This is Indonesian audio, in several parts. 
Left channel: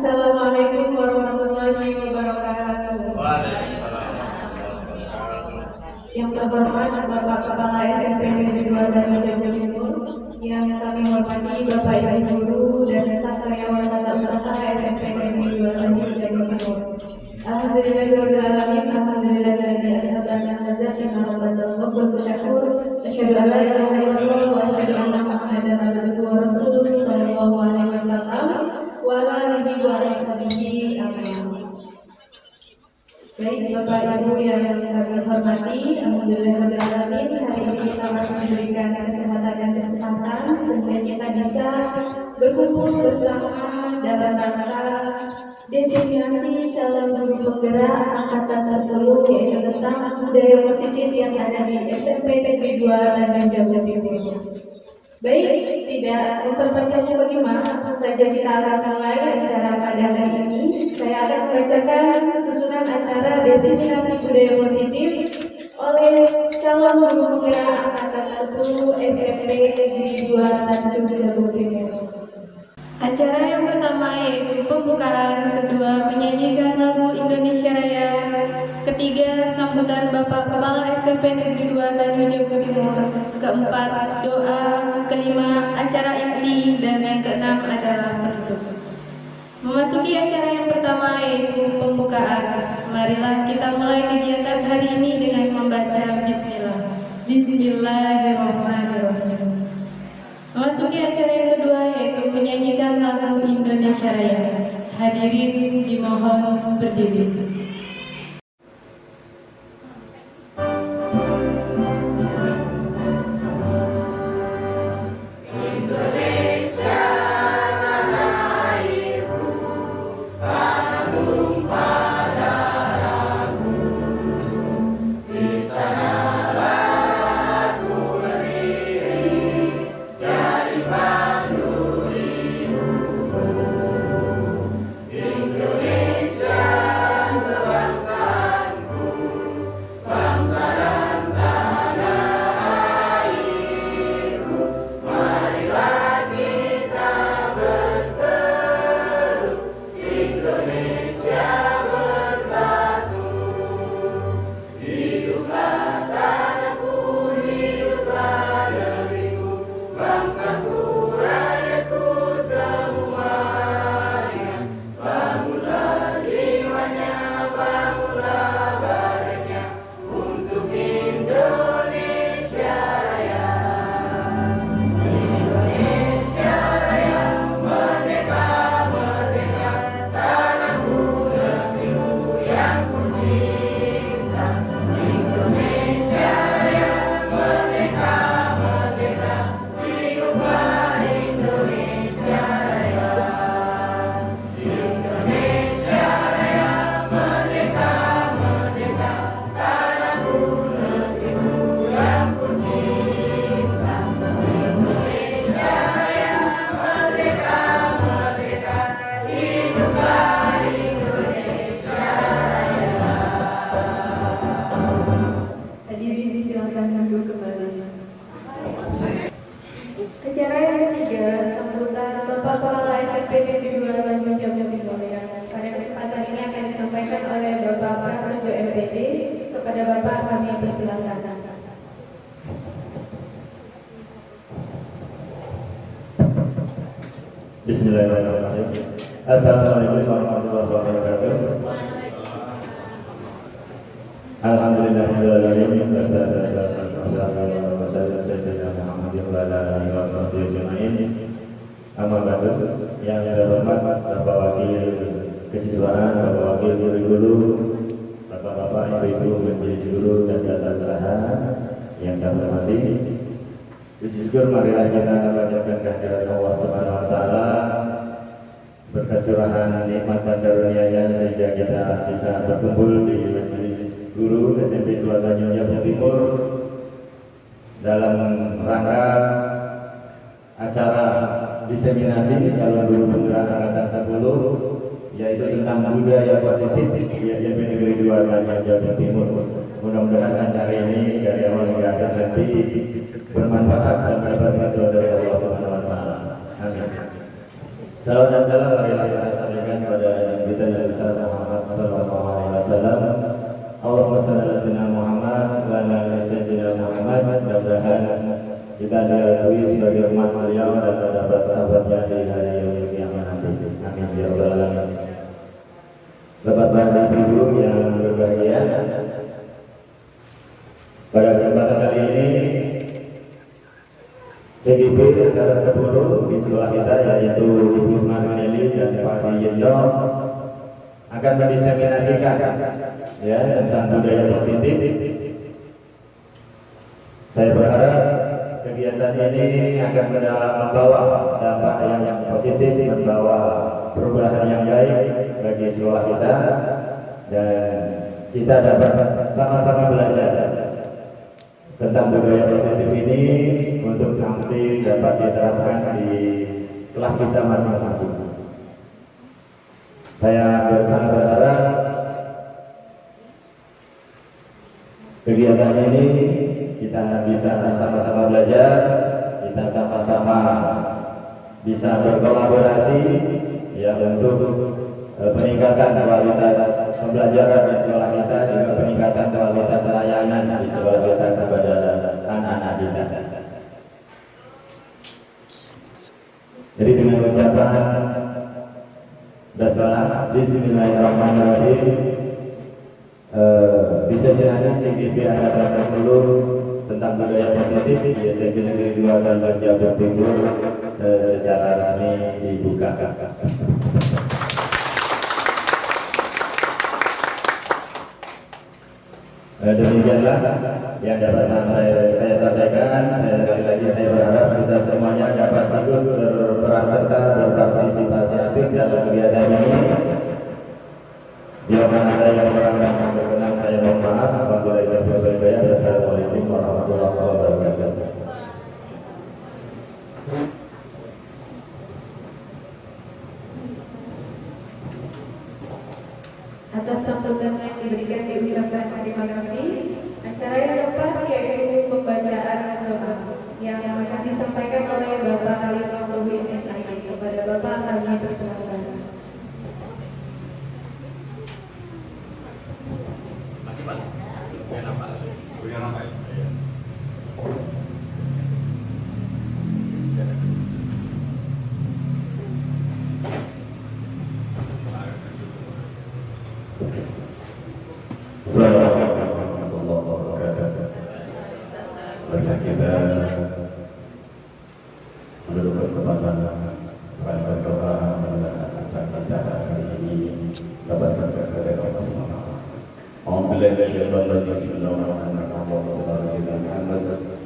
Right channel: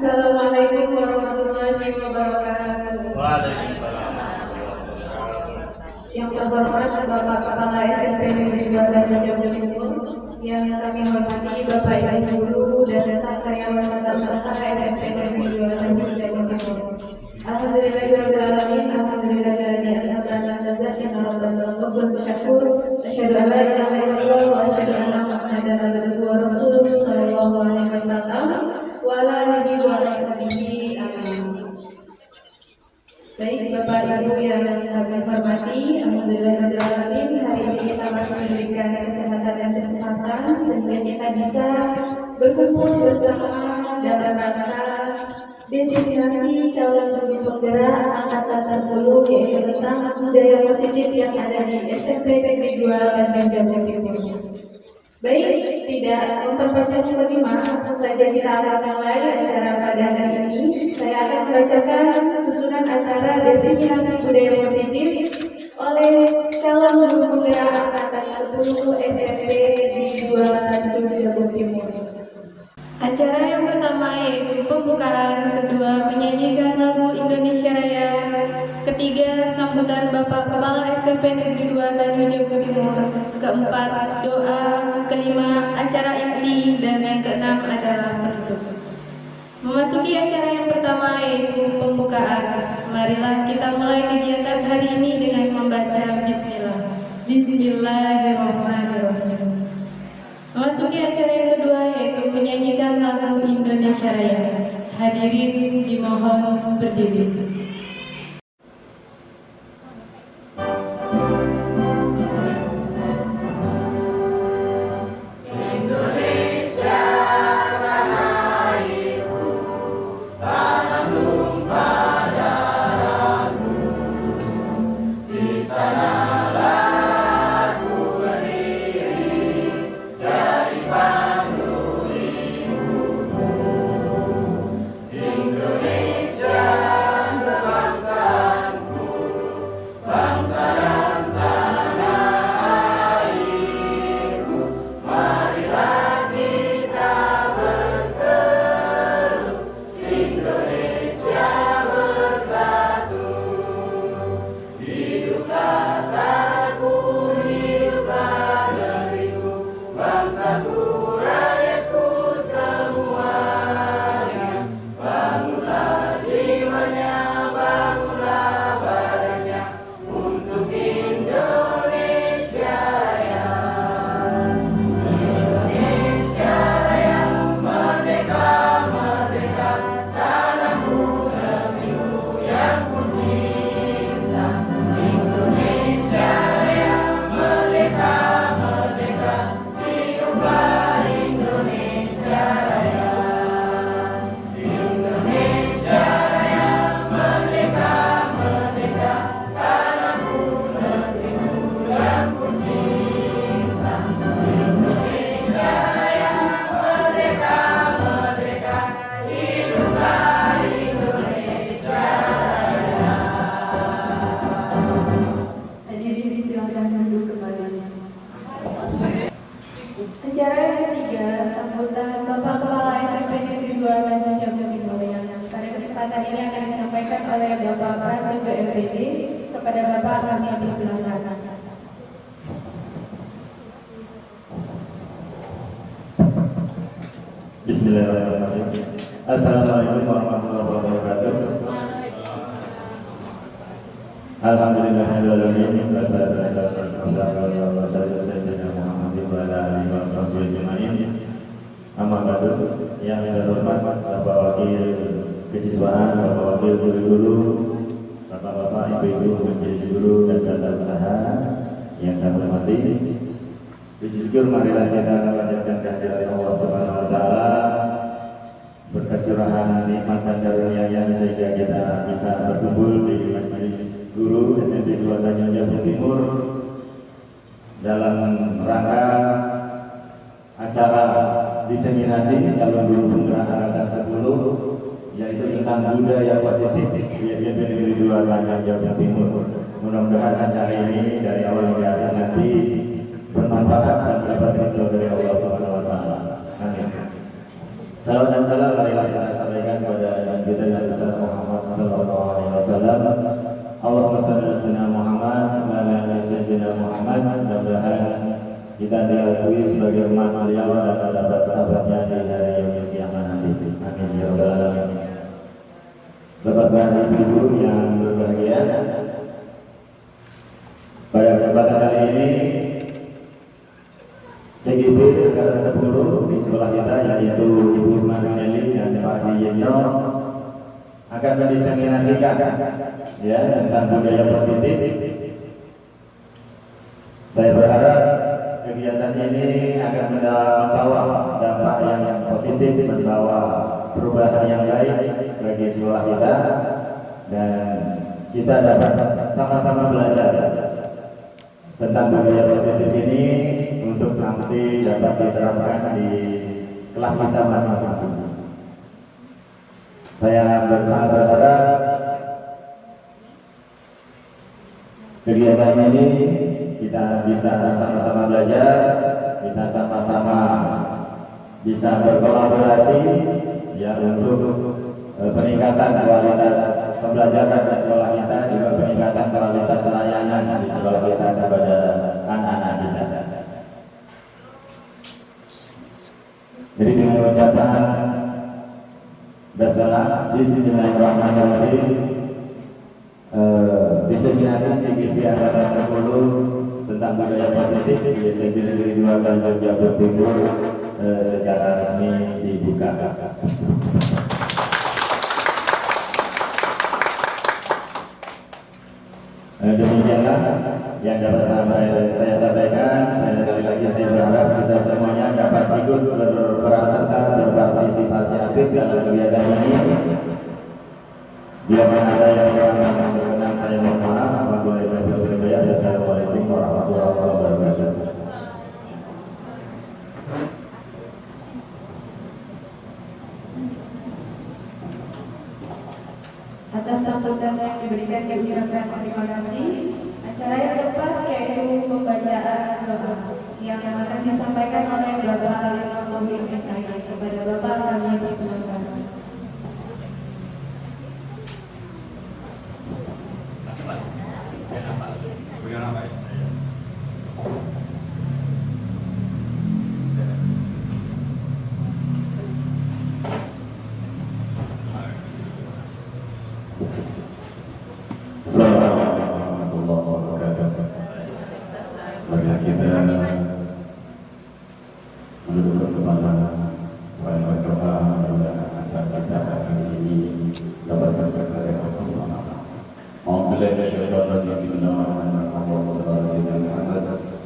Assalamualaikum warahmatullahi wabarakatuh. Waalaikumsalam. Yang terhormat Bapak Kepala SMP Negeri 2 Tanjung Timur, yang kami hormati Bapak Ibu Guru dan staf karyawan tata usaha SMP Negeri 2 Tanjung Timur. Alhamdulillahirobbilalamin, alhamdulillahilladzi anzalna al-kitab wa syakur. Asyhadu an la ilaha illallah wa asyhadu anna Muhammadan abduhu wa rasuluh sallallahu alaihi wasallam wa ala alihi wa ashabihi. Amin. Baik Bapak Ibu yang kami hormati, alhamdulillahirobbilalamin, hari ini kita masih diberikan kesehatan dan kesempatan sehingga kita bisa berkumpul bersama dalam rangka designasi calon pemimpin penggerak angkatan 10, yaitu tentang budaya positif yang ada di SMP Negeri 2 Tanjung Timur. Baik, tidak memperpanjang lagi, langsung saja kita akan mulai acara pada hari ini. Saya akan membacakan susunan acara designasi budaya positif oleh calon penggerak angkatan 10 SMP Negeri 2 Tanjung Timur. Acara yang pertama yaitu pembukaan, kedua menyanyikan lagu Indonesia Raya, ketiga sambutan Bapak Kepala SMP Negeri 2 Tanjung Timur, keempat doa, kelima acara inti, dan yang keenam adalah penutup. Memasuki acara yang pertama yaitu pembukaan. Marilah kita mulai kegiatan hari ini dengan membaca Bismillah. Bismillahirrahmanirrahim. Memasuki acara yang kedua yaitu menyanyikan lagu Indonesia Raya. Hadirin dimohon berdiri. Acara yang ketiga, sambutan Bapak Kepala SMP Negeri 2 Tanjung Timur. Pada kesempatan ini akan disampaikan oleh Bapak Prasojo MPD. Kepada Bapak kami persilakan. Bismillahirrahmanirrahim. Assalamualaikum warahmatullahi wabarakatuh. Alhamdulillahirrahmanirrahim. Wassalatu wassalamu ala sayyidina Muhammadin wa ala alihi wa sahbihi ajma'in. Amma ba'du. Yang terhormat Bapak Wakil Kesiswaan, Bapak Wakil Guru, Bapak-bapak, Ibu-ibu, majelis guru dan tata usaha yang saya hormati. Puji syukur marilah kita panjatkan kehadirat Allah Subhanahu wa taala, berkat curahan nikmat dan karunia-Nya sehingga kita bisa berkumpul di majelis guru SMP 2 Tanjung Timur dalam rangka acara diseminasi calon guru penggerak angkatan 10, yaitu tentang budaya positif di SMP Negeri 2 Tanjung Timur. Mudah-mudahan acara ini dari awal hingga akhir nanti bermanfaat dan mendapat ridho dari Allah Subhanahu wa taala. Amin. Salam dan salam marilah kita sampaikan kepada Nabi kita yang besar Muhammad sallallahu alaihi wasallam. Allahumma shalli ala sayyidina Muhammad wa ala ali sayyidina Muhammad. Mudah-mudahan kita diakui sebagai umat beliau dan mendapat sahabatnya di hari yaumil qiyamah nanti. Amin ya rabbal alamin. Bapak-bapak ibu yang berbahagia, pada kesempatan kali ini CGP angkatan 10 di sekolah kita yaitu Ibu Manuneli dan Pak Diyenyo akan mendiseminasikan ya tentang budaya positif. Saya berharap kegiatan ini akan membawa dampak yang positif, membawa perubahan yang baik bagi sekolah kita, dan kita dapat sama-sama belajar tentang budaya positif ini untuk nanti dapat diterapkan di kelas kita masing-masing. Saya sangat berharap kegiatan ini kita bisa sama-sama belajar, kita sama-sama bisa berkolaborasi ya untuk peningkatan kualitas pembelajaran di sekolah kita, juga peningkatan kualitas layanan di sekolah kita kepada anak-anak kita. Jadi dengan ucapan basmalah bismillahirrahmanirrahim, diseminasi CGP angkatan 10 tentang budaya positif di SMK Negeri 2 Kalbar Jawa Timur secara resmi dibuka. Demikianlah yang dapat saya sampaikan. Sekali lagi saya berharap kita semuanya dapat ikut berperan serta berpartisipasi aktif dalam kegiatan ini. Bila mana ada yang kurang berkenan saya mohon maaf. Apabila ada yang Assalamualaikum warahmatullahi wabarakatuh. Atas sambutan yang diberikan kami ucapkan terima kasih. Acara yang keempat yaitu pembacaan doa yang akan disampaikan oleh Bapak Yunus SIK. Kepada Bapak kami persilakan. Assalamualaikum warahmatullahi wabarakatuh. Marilah kita menundukkan kepala saling berdoa kepada acara kita hari ini dapat berkata kepada semua. Alhamdulillah syaitanir bismillahirrahmanirrahim. Sallallahu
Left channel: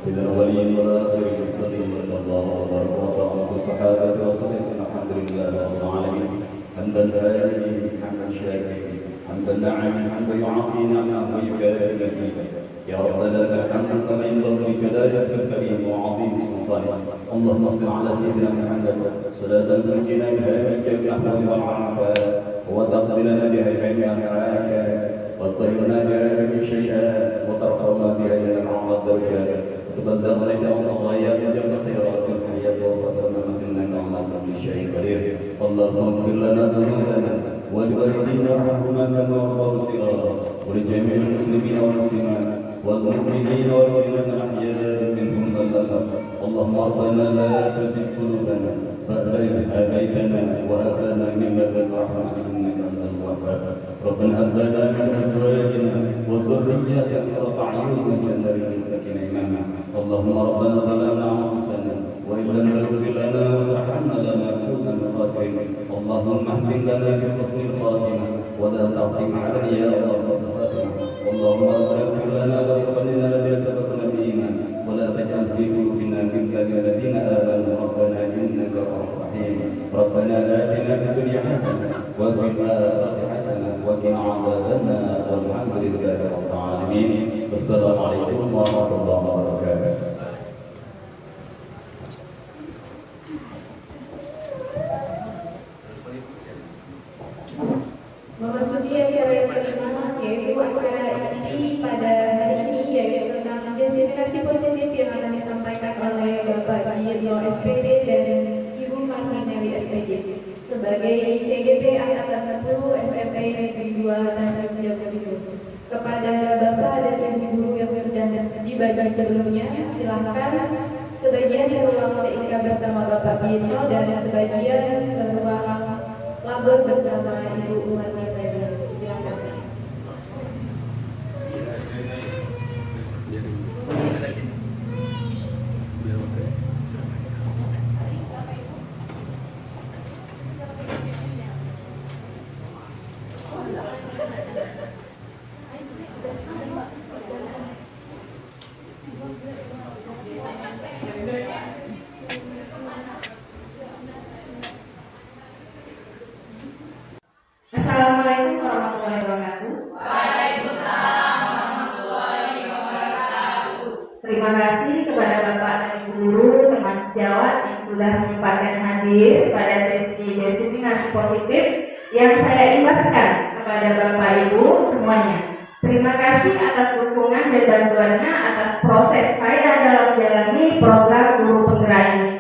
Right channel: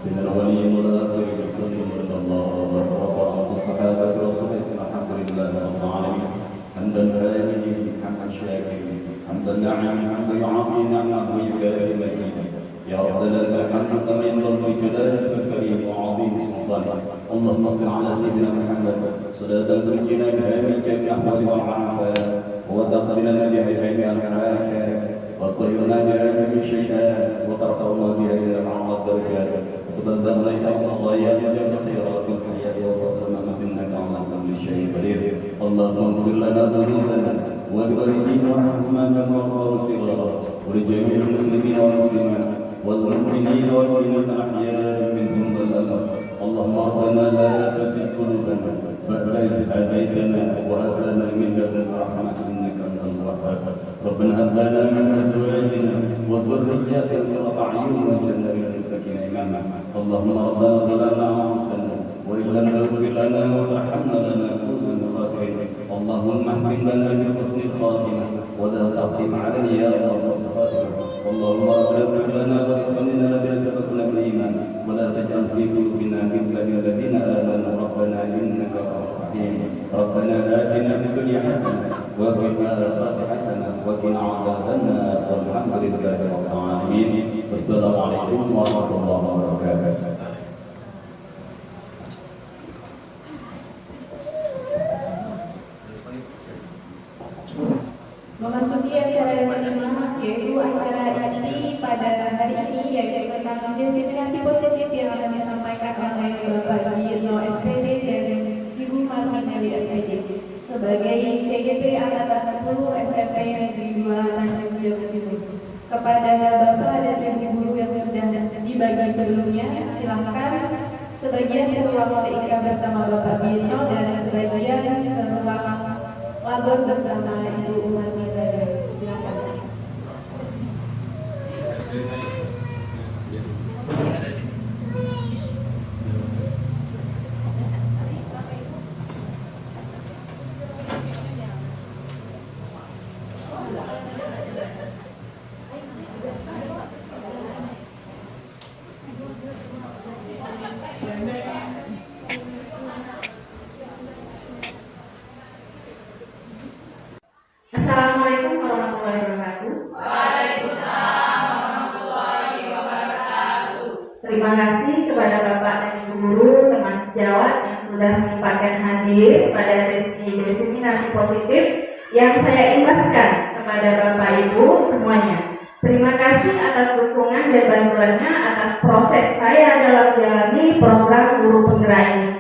sayyidina awwalin wal akhirin sallallahu alaihi wa sallam alhamdulillah rabbil alamin. Hamdan hamidin hamdan syakirin حمد النعم حمد يعافي نعمه ويكافئ مزيدا يا ربنا لك الحمد كما ينبغي لجلالك الكريم وعظيم سلطانك. اللهم صل على سيدنا محمد صلاة تنجينا بها من جميع الاحوال والعافات وتقضي لنا بها جميع الحاجات وتطهرنا بها من الشيئات وترفعنا بها الى اعلى الدرجات وتبلغنا الى اقصى الغايات جل خيرات الحياه وتقدمنا انك على كل شيء قدير. اللهم اغفر لنا ذنوبنا والوالدين وارحمهما كما ربوا صغارا ولجميع المسلمين والمسلمات والمؤمنين والمؤمنات الاحياء منهم والاموات. اللهم ربنا لا تزغ قلوبنا بعد إذ هديتنا وهب لنا من لدنك رحمة انك انت الوهاب. ربنا هب لنا من ازواجنا وذرياتنا قرة اعين واجعلنا للمتقين اماما. اللهم ربنا ظلمنا انفسنا وان لم تغفر لنا وترحمنا لنكونن من الخاسرين. اللهم اهدنا لنا بحسن الخاتمه ولا تختم علينا يا رب حسن الخاتمه. اللهم اغفر لنا ولاخواننا الذين سبقونا بالايمان ولا تجعل في قلوبنا غلا للذين امنوا ربنا انك رؤوف رحيم. ربنا اتنا في الدنيا حسنه وفي الاخره حسنه وقنا عذاب النار والحمد لله رب العالمين. السلام عليكم ورحمه الله وبركاته. Memasuki acara yang kelima, yaitu acara ini pada hari ini yaitu tentang diseminasi positif yang akan disampaikan oleh Bapak Diyenyo SPD dan Ibu Martinelli SPD. sebagai CGP Angkatan 10 SMP Negeri 2 Tanjung Jabodebek. Kepada Bapak dan Ibu guru yang sudah dibagi sebelumnya, silakan sebagian ke ruang TIK bersama Bapak Bino dan sebagian ke ruang labor bersama Ibu Umani Leda. Silakan. Assalamualaikum warahmatullahi wabarakatuh. Terima kasih kepada Bapak dan Ibu guru, teman sejawat yang sudah menyempatkan hadir pada sesi diseminasi positif yang saya imbaskan kepada Bapak Ibu semuanya. Terima kasih atas dukungan dan bantuannya atas proses saya dalam menjalani program guru penggerak ini.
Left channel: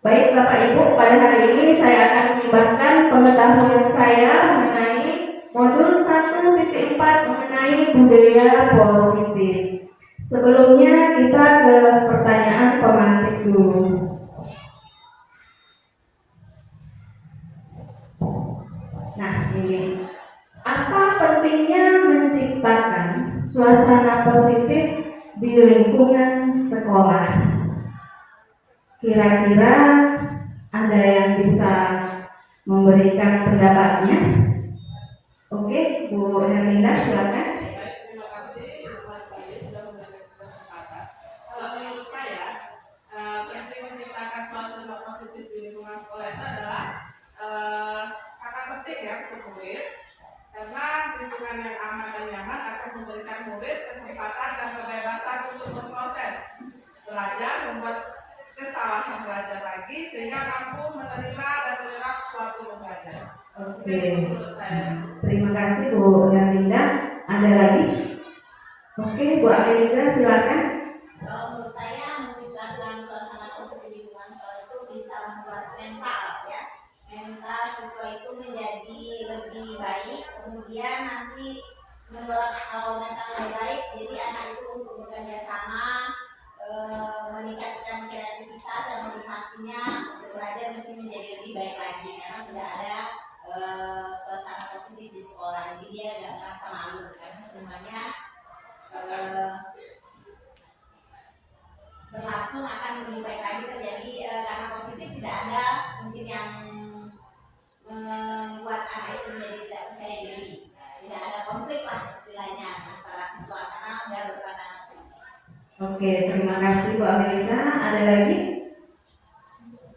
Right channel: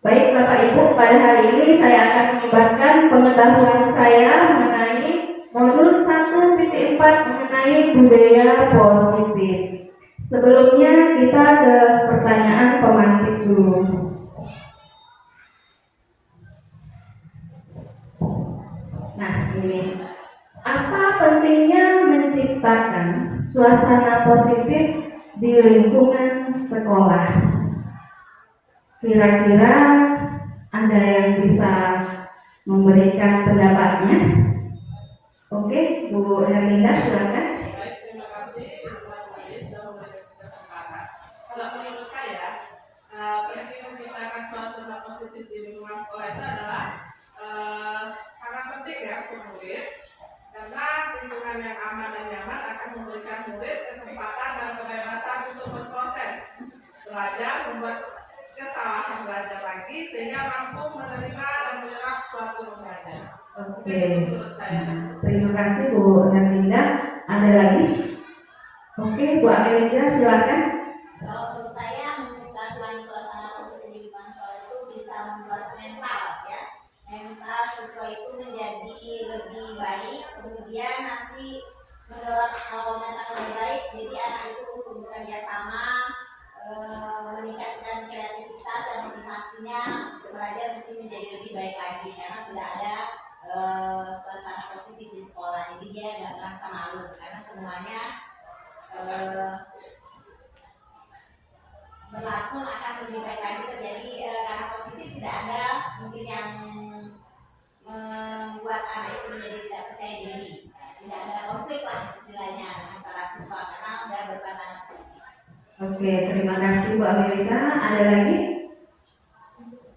Baik Bapak Ibu, pada hari ini saya akan mengimbaskan pengetahuan saya mengenai modul 1.4 mengenai budaya positif. Sebelumnya kita ke pertanyaan pemantik dulu. Nah ini, apa pentingnya menciptakan suasana positif di lingkungan sekolah? Kira-kira ada yang bisa memberikan pendapatnya? Oke, Bu Herlinda silakan. Terima kasih Bapak Wali sudah memberikan kesempatan. Kalau menurut saya, penting menciptakan suasana positif di lingkungan sekolah itu adalah sangat penting ya untuk murid, karena lingkungan yang aman dan nyaman akan memberikan murid kesempatan dan kebebasan untuk berproses, belajar, membuat kesalahan belajar lagi sehingga mampu menerima dan menyerap suatu pembelajaran. Oke. Menurut saya. Terima kasih Bu Herlinda. Ada lagi? Oke, Bu Amelia silakan. Kalau menurut saya menciptakan suasana positif di lingkungan sekolah itu bisa membuat mental siswa itu menjadi lebih baik, kemudian nanti mendorong mental lebih baik, jadi anak itu untuk bekerja sama, meningkatkan kreativitas dan motivasinya untuk belajar mungkin menjadi lebih baik lagi karena sudah ada suasana positif di sekolah, jadi dia tidak merasa malu karena semuanya berlangsung akan lebih baik lagi terjadi karena positif, tidak ada mungkin yang membuat anak itu menjadi tidak percaya diri, tidak ada konflik lah istilahnya antara siswa karena sudah berpandangan positif. Oke, terima kasih Bu Amelia. Ada lagi?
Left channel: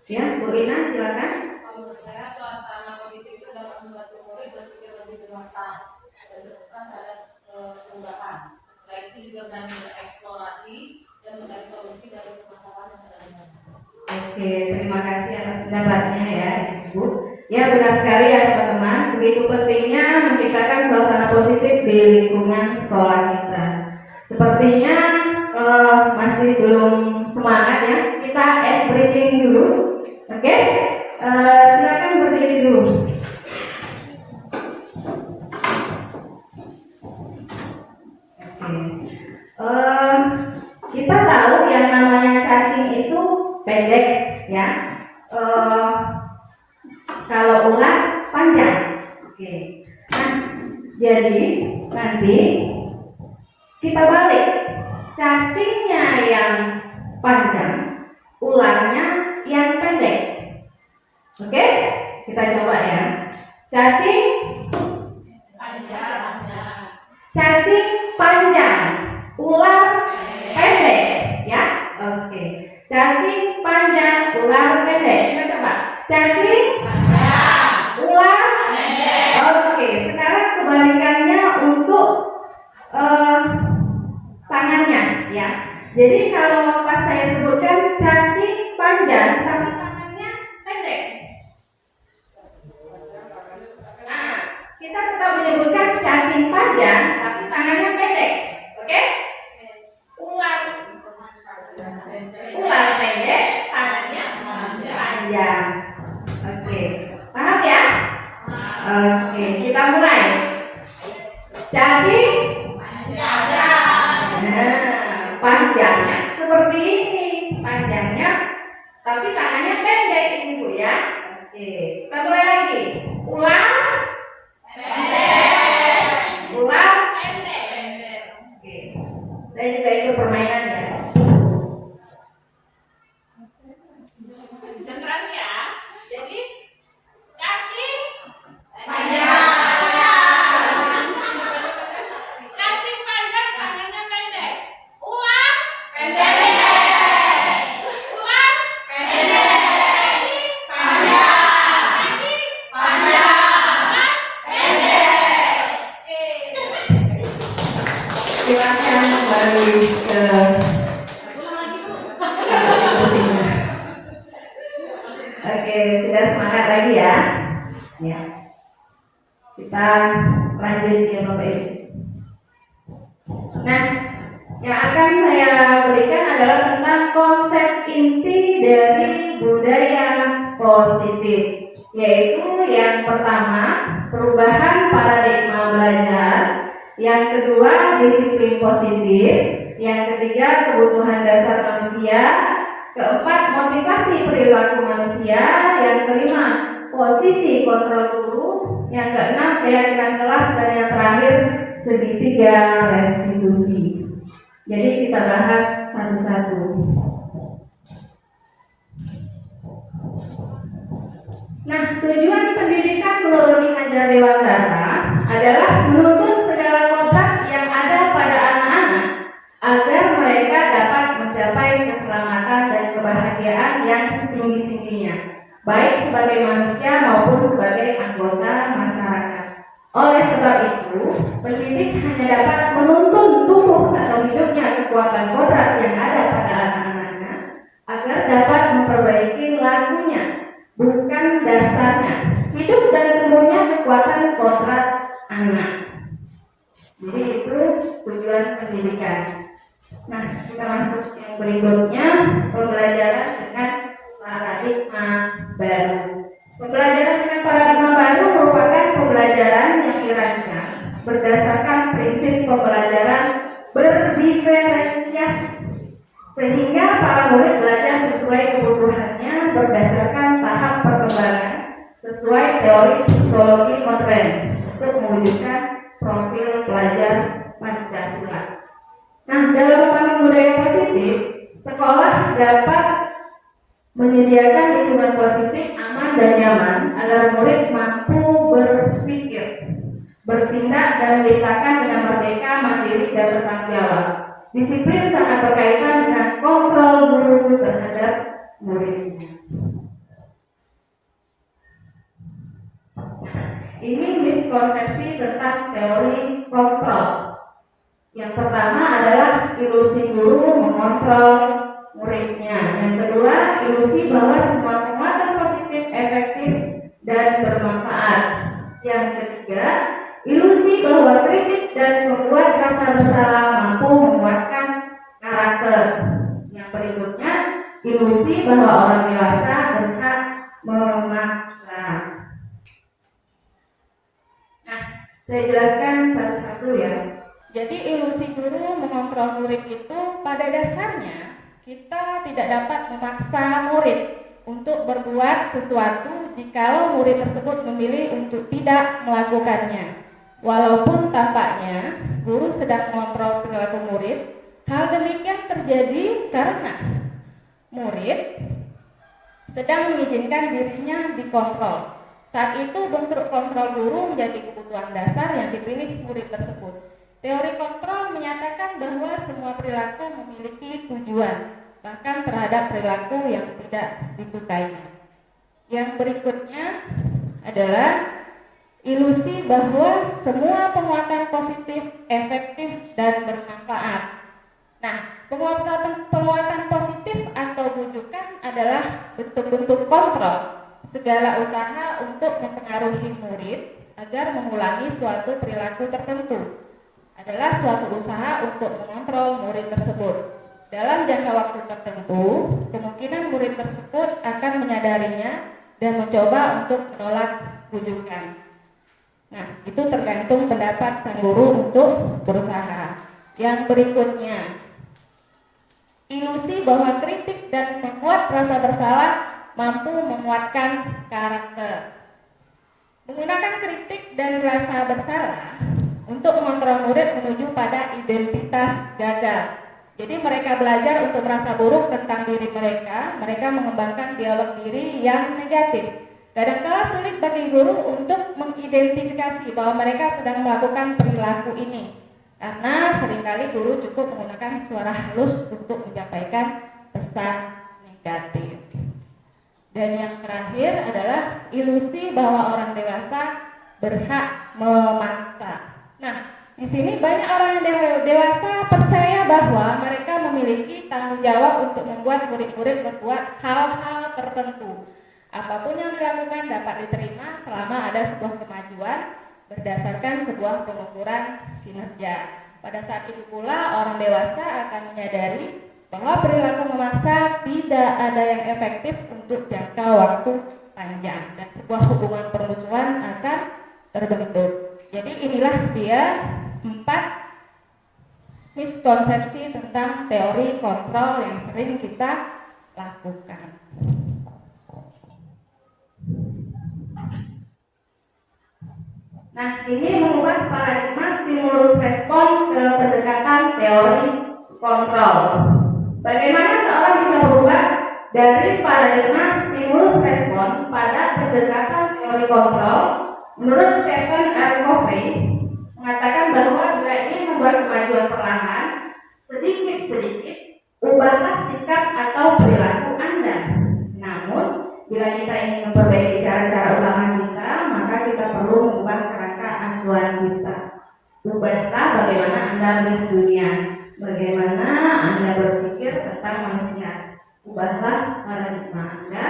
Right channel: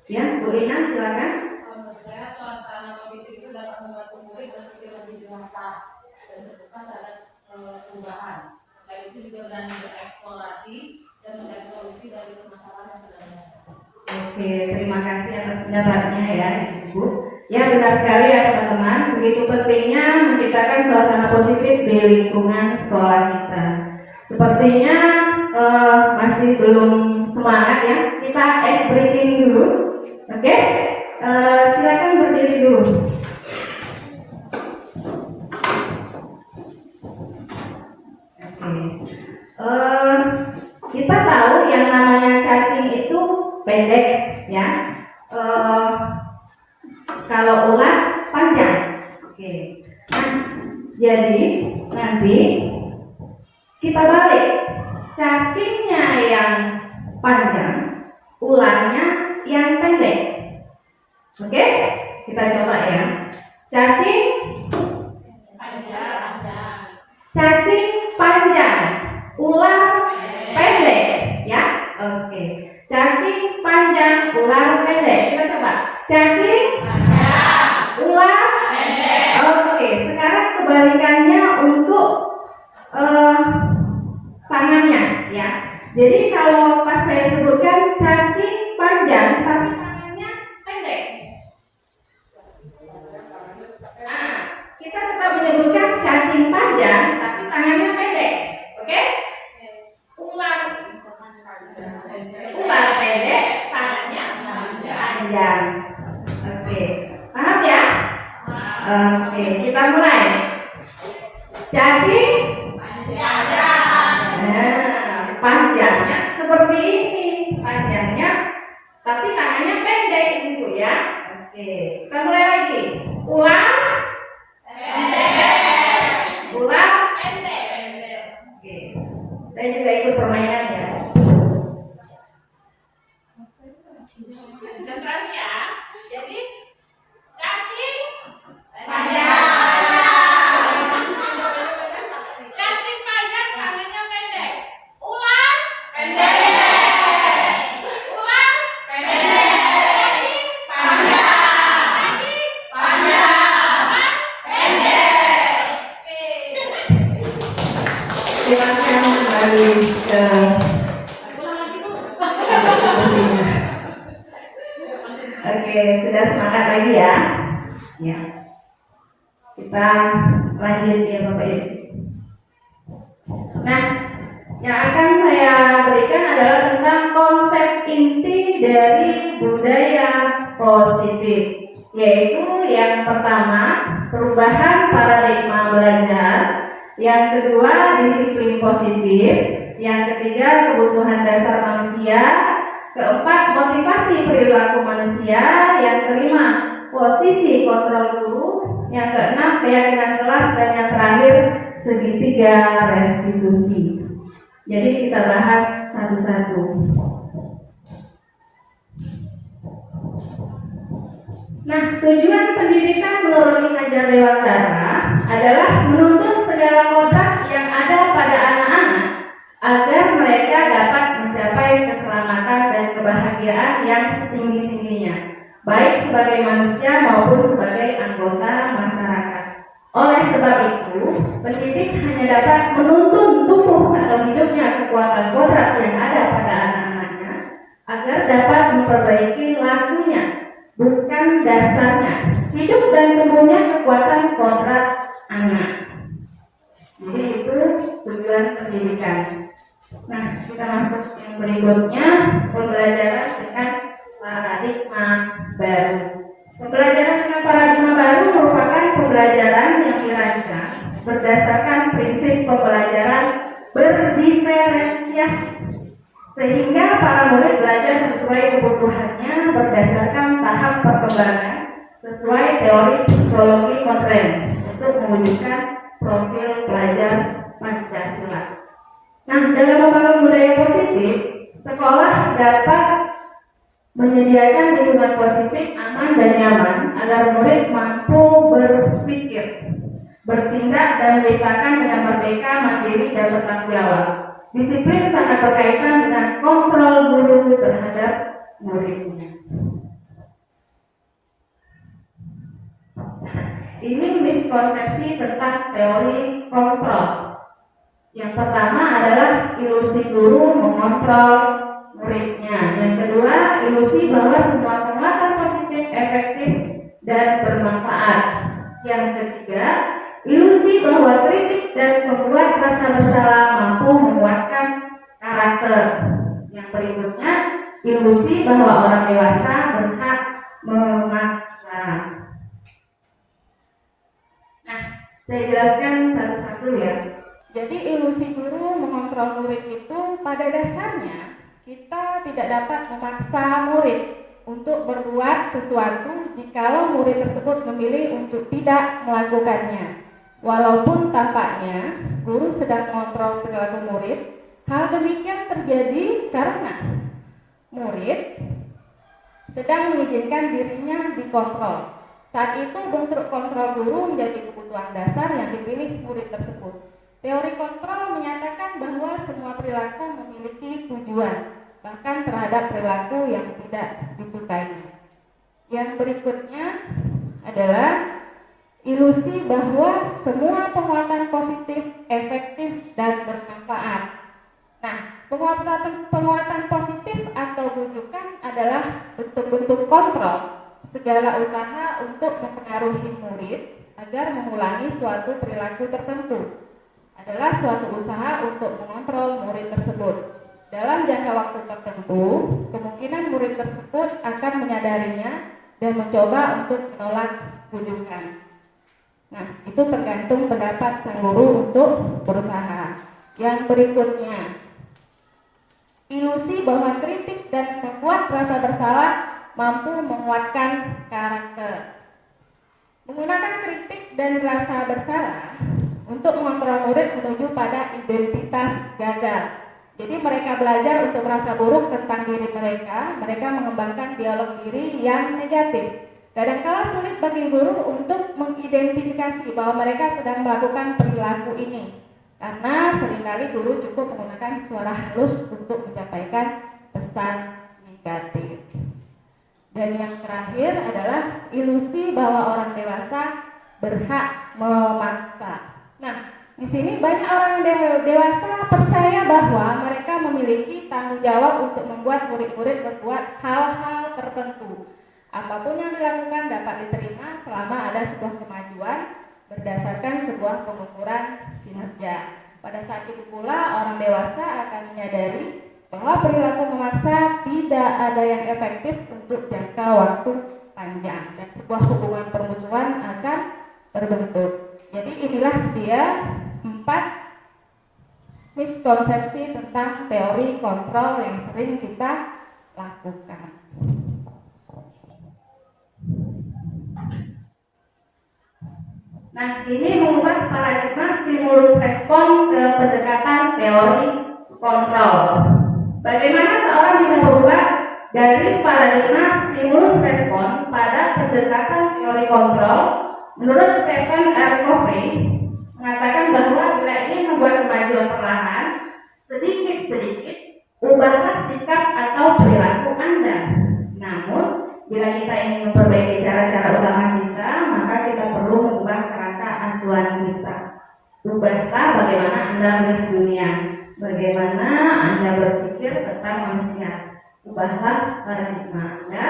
Ya, Bu Ina silakan. Menurut saya suasana positif itu dapat membantu murid berpikir lebih dewasa dan terbuka terhadap perubahan. Selain itu juga berani bereksplorasi dan mencari solusi dari masalah yang sedang ada. Oke, terima kasih atas pendapatnya ya Ibu. Ya benar sekali ya teman-teman, begitu pentingnya menciptakan suasana positif di lingkungan sekolah kita. Sepertinya masih belum semangat ya, kita ice breaking dulu. Oke, silakan berdiri dulu. Kita tahu yang namanya cacing itu pendek ya. Kalau ular panjang. Oke. Nah, jadi nanti kita balik. Cacingnya yang panjang, ularnya yang pendek. Oke? Kita coba ya. Cacing panjang, ular pendek, ya. Oke. Cacing panjang, ular pendek. Kita coba. Cacing panjang, ular pendek. Oke. Sekarang kebalikannya untuk tangannya, ya. Jadi kalau pas saya sebutkan cacing panjang, tapi tangannya pendek. Kita tetap menyebutkan cacing panjang, tapi tangannya pendek. Oke? Ular pendek, tangannya panjang. Oke, paham ya? Oke, kita mulai. Jadi panjangnya seperti ini, panjangnya, tapi tangannya pendek ibu ya. Oke, kita mulai lagi. Ulang, ulang, oke. Saya juga ikut permainan ya. Konsentrasi ya. Jadi kaki Panjang. Cacing panjang, tangannya pendek. Ulang. Pendek. Ulang. Pendek. Panjang. Cacing. Panjang. Pendek. Oke. Silakan kembali ke Oke, sudah semangat lagi ya. Ya. Kita lanjut ya Bapak Ibu. Nah, yang akan saya berikan adalah tentang konsep inti dari budaya positif, yaitu yang pertama, perubahan paradigma belajar, yang kedua, disiplin positif, yang ketiga, kebutuhan dasar manusia, keempat, motivasi perilaku manusia, yang kelima, posisi kontrol guru, yang keenam, keyakinan kelas, dan yang terakhir, segitiga restitusi. Jadi kita bahas satu-satu. Nah, tujuan pendidikan menurut Ki Hajar Dewantara adalah menuntut segala kontrak yang ada pada anak-anak agar mereka dapat mencapai keselamatan dan kebahagiaan yang setinggi-tingginya, baik sebagai manusia maupun sebagai anggota masyarakat. Oleh sebab itu, pendidik hanya dapat menuntun tumbuh atau hidupnya kekuatan kodrat yang ada pada anak-anaknya agar dapat memperbaiki lakunya, bukan dasarnya. Hidup dan tumbuhnya kekuatan kodrat anak. Jadi itu tujuan pendidikan. Nah, kita masuk yang berikutnya, pembelajaran dengan paradigma baru. Pembelajaran dengan paradigma baru merupakan pembelajaran yang dirancang berdasarkan prinsip pembelajaran berdiferensiasi, sehingga para murid belajar sesuai kebutuhannya berdasarkan tahap perkembangan sesuai teori psikologi modern untuk mewujudkan profil pelajar Pancasila. Nah, dalam membangun budaya positif, sekolah dapat menyediakan lingkungan positif, aman dan nyaman agar murid mampu berpikir, bertindak dan menciptakan dengan merdeka, mandiri dan bertanggung jawab. Disiplin sangat berkaitan dengan kontrol guru terhadap muridnya. Ini miskonsepsi tentang teori kontrol. Yang pertama adalah ilusi guru mengontrol muridnya. Yang kedua, ilusi bahwa semua penguatan positif efektif dan bermanfaat. Yang ketiga, ilusi bahwa kritik dan membuat rasa bersalah mampu menguatkan karakter. Yang berikutnya, ilusi bahwa orang dewasa berhak memaksa. Nah, saya jelaskan satu-satu ya. Jadi ilusi guru mengontrol murid itu pada dasarnya kita tidak dapat memaksa murid untuk berbuat sesuatu jikalau murid tersebut memilih untuk tidak melakukannya. Walaupun tampaknya guru sedang mengontrol perilaku murid, hal demikian terjadi karena murid sedang mengizinkan dirinya dikontrol. Saat itu bentuk kontrol guru menjadi kebutuhan dasar yang dipilih murid tersebut. Teori kontrol menyatakan bahwa semua perilaku memiliki tujuan, bahkan terhadap perilaku yang tidak disukai. Yang berikutnya adalah ilusi bahwa semua penguatan positif, efektif, dan bermanfaat. Nah, penguatan positif atau bujukan adalah bentuk-bentuk kontrol, segala usaha untuk mempengaruhi murid agar mengulangi suatu perilaku tertentu adalah suatu usaha untuk mengontrol murid tersebut. Dalam jangka waktu tertentu, kemungkinan murid tersebut akan menyadarinya dan mencoba untuk menolak bujukan. Nah, itu tergantung pendapat sang guru untuk berusaha. Yang berikutnya, ilusi bahwa kritik dan membuat rasa bersalah mampu menguatkan karakter. Menggunakan kritik dan rasa bersalah untuk mengontrol murid menuju pada identitas gagal. Jadi mereka belajar untuk merasa buruk tentang diri mereka mengembangkan dialog diri yang negatif. Kadangkala sulit bagi guru untuk mengidentifikasi bahwa mereka sedang melakukan perilaku ini, karena seringkali guru cukup menggunakan suara halus untuk menyampaikan pesan negatif. Dan yang terakhir adalah ilusi bahwa orang dewasa berhak memaksa. Nah, di sini banyak orang yang dewasa percaya bahwa mereka memiliki tanggung jawab untuk membuat murid-murid berbuat hal-hal tertentu. Apapun yang dilakukan dapat diterima selama ada sebuah kemajuan berdasarkan sebuah pengukuran kinerja. Pada saat itu pula orang dewasa akan menyadari bahwa perilaku memaksa tidak ada yang efektif untuk jangka waktu panjang dan sebuah hubungan permusuhan akan terbentuk. Jadi inilah dia 4 miskonsepsi tentang teori kontrol yang sering kita lakukan. Nah, ini mengubah paradigma stimulus respon ke pendekatan teori kontrol. Bagaimana seorang bisa berubah dari paradigma stimulus respon pada pendekatan teori kontrol? Menurut Stephen R. Covey mengatakan bahwa jika ingin membuat kemajuan perlahan, sedikit-sedikit ubahlah sikap atau perilaku Anda. Namun, bila kita ingin memperbaiki cara-cara utama kita, maka kita perlu mengubah kerangka acuan kita. Ubahlah bagaimana Anda melihat dunia, bagaimana Anda berpikir tentang manusia. Ubahlah paradigma Anda,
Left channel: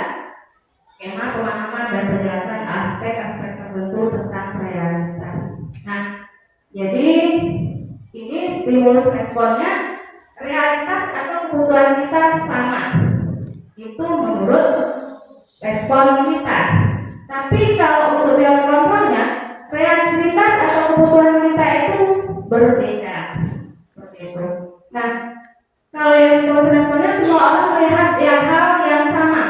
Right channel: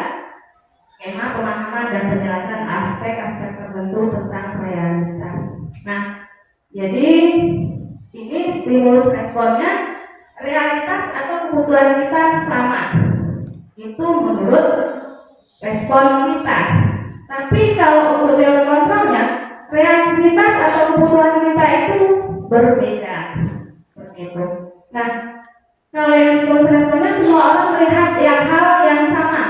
skema pemahaman dan penjelasan aspek-aspek tertentu tentang realitas. Nah, jadi ini stimulus responnya, realitas atau kebutuhan kita sama. Itu menurut respon kita. Tapi kalau untuk teori kontrolnya, realitas atau kebutuhan kita itu berbeda. Seperti itu. Nah, kalau yang stimulus responnya semua orang melihat hal yang sama.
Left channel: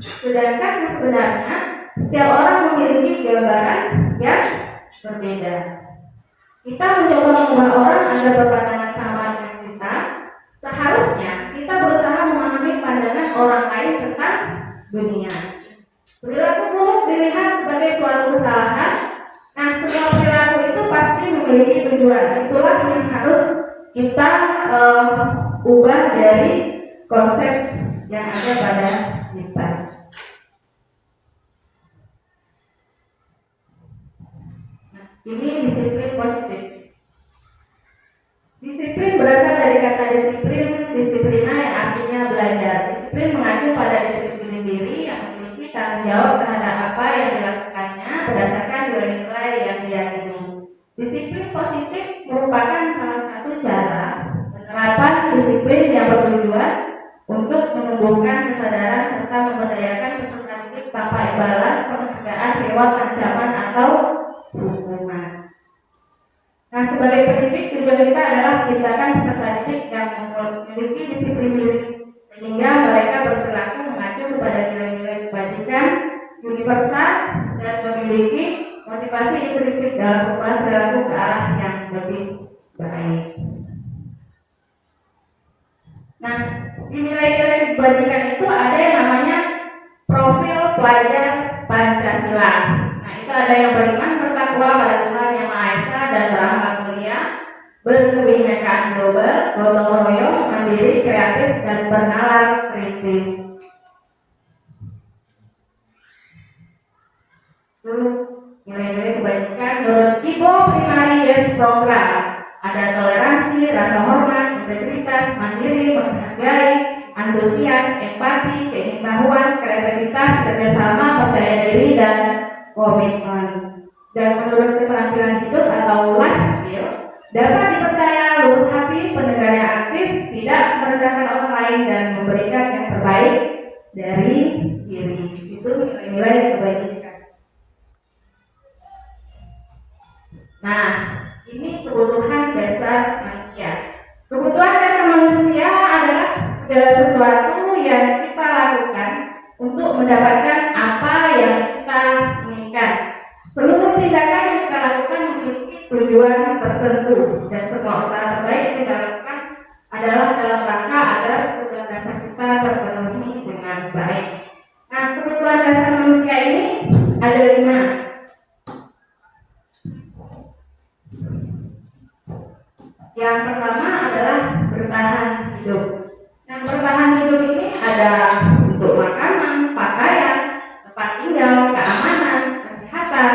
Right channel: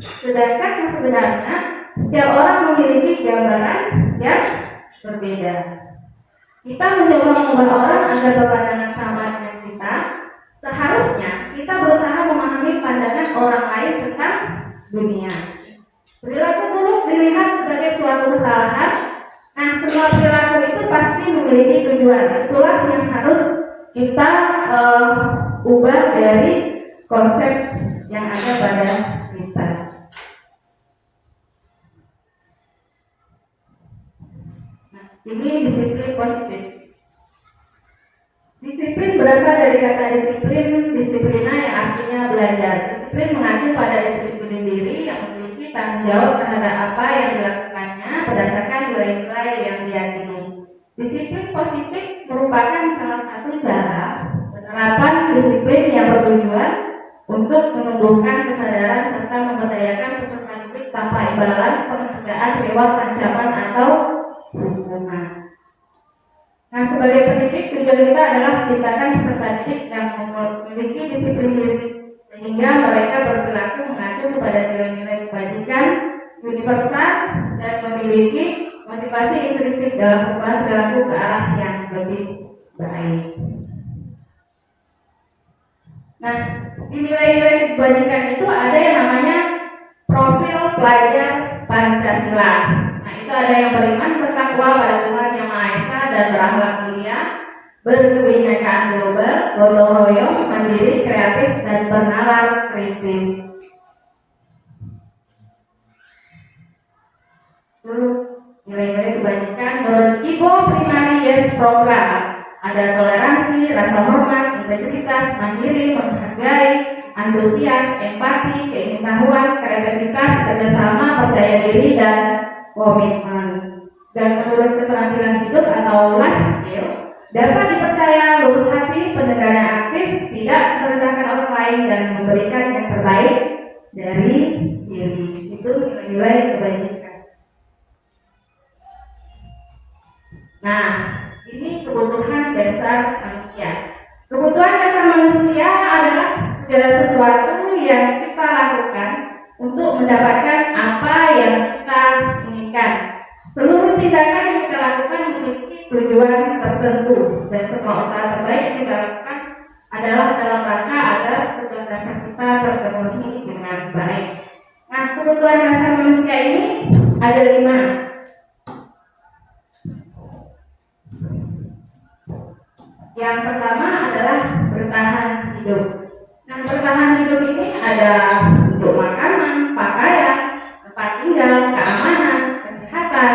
Sedangkan sebenarnya setiap orang memiliki gambaran yang berbeda. Kita mencoba mengubah orang agar berpandangan sama dengan kita. Seharusnya kita berusaha memahami pandangan orang lain tentang dunia. Perilaku buruk dilihat sebagai suatu kesalahan. Nah, semua perilaku itu pasti memiliki tujuan. Itulah yang harus kita ubah dari konsep yang ada pada kita. Nah, ini disiplin positif. Disiplin berasal dari kata disiplina yang artinya belajar. Disiplin mengacu pada disiplin diri yang memiliki tanggung jawab terhadap apa yang dilakukannya berdasarkan nilai-nilai yang diyakini. Disiplin positif merupakan salah satu cara penerapan disiplin yang bertujuan untuk menumbuhkan kesadaran serta memberdayakan peserta didik tanpa imbalan, penghargaan, reward, ancaman atau hukuman. Nah, sebagai pendidik tujuan kita adalah menciptakan peserta didik yang memiliki disiplin diri sehingga mereka berperilaku mengacu kepada nilai-nilai kebajikan universal dan memiliki motivasi intrinsik dalam perubahan perilaku ke arah yang lebih baik. Nah, di nilai-nilai kebajikan itu ada yang namanya profil pelajar Pancasila. Nah, itu ada yang beriman bertakwa pada Tuhan Yang Maha Esa dan berakhlak mulia, berkebinekaan global, gotong royong, mandiri, kreatif, dan bernalar kritis. Itu nilai-nilai kebajikan menurut Ibo Primary Yes Program. Ada toleransi, rasa hormat, integritas, mandiri, menghargai, antusias, empati, keingin-tahuan, kreativitas, kerjasama, percaya diri, dan komitmen. Dan menurut keterampilan hidup atau life skill, dapat dipercaya, lurus hati, pendengar yang aktif, tidak merendahkan orang lain, dan memberikan yang terbaik dari diri. Itu nilai-nilai kebajikan. Nah, ini kebutuhan dasar manusia. Kebutuhan dasar manusia adalah segala sesuatu yang kita lakukan untuk mendapatkan apa yang kita inginkan. Seluruh tindakan yang kita lakukan memiliki tujuan tertentu, dan semua usaha terbaik yang kita lakukan adalah dalam rangka agar kebutuhan dasar kita terpenuhi dengan baik. Nah, kebutuhan dasar manusia ini ada 5. Yang pertama adalah bertahan hidup. Nah, bertahan hidup ini ada untuk makanan, pakaian, tempat tinggal, keamanan, kesehatan.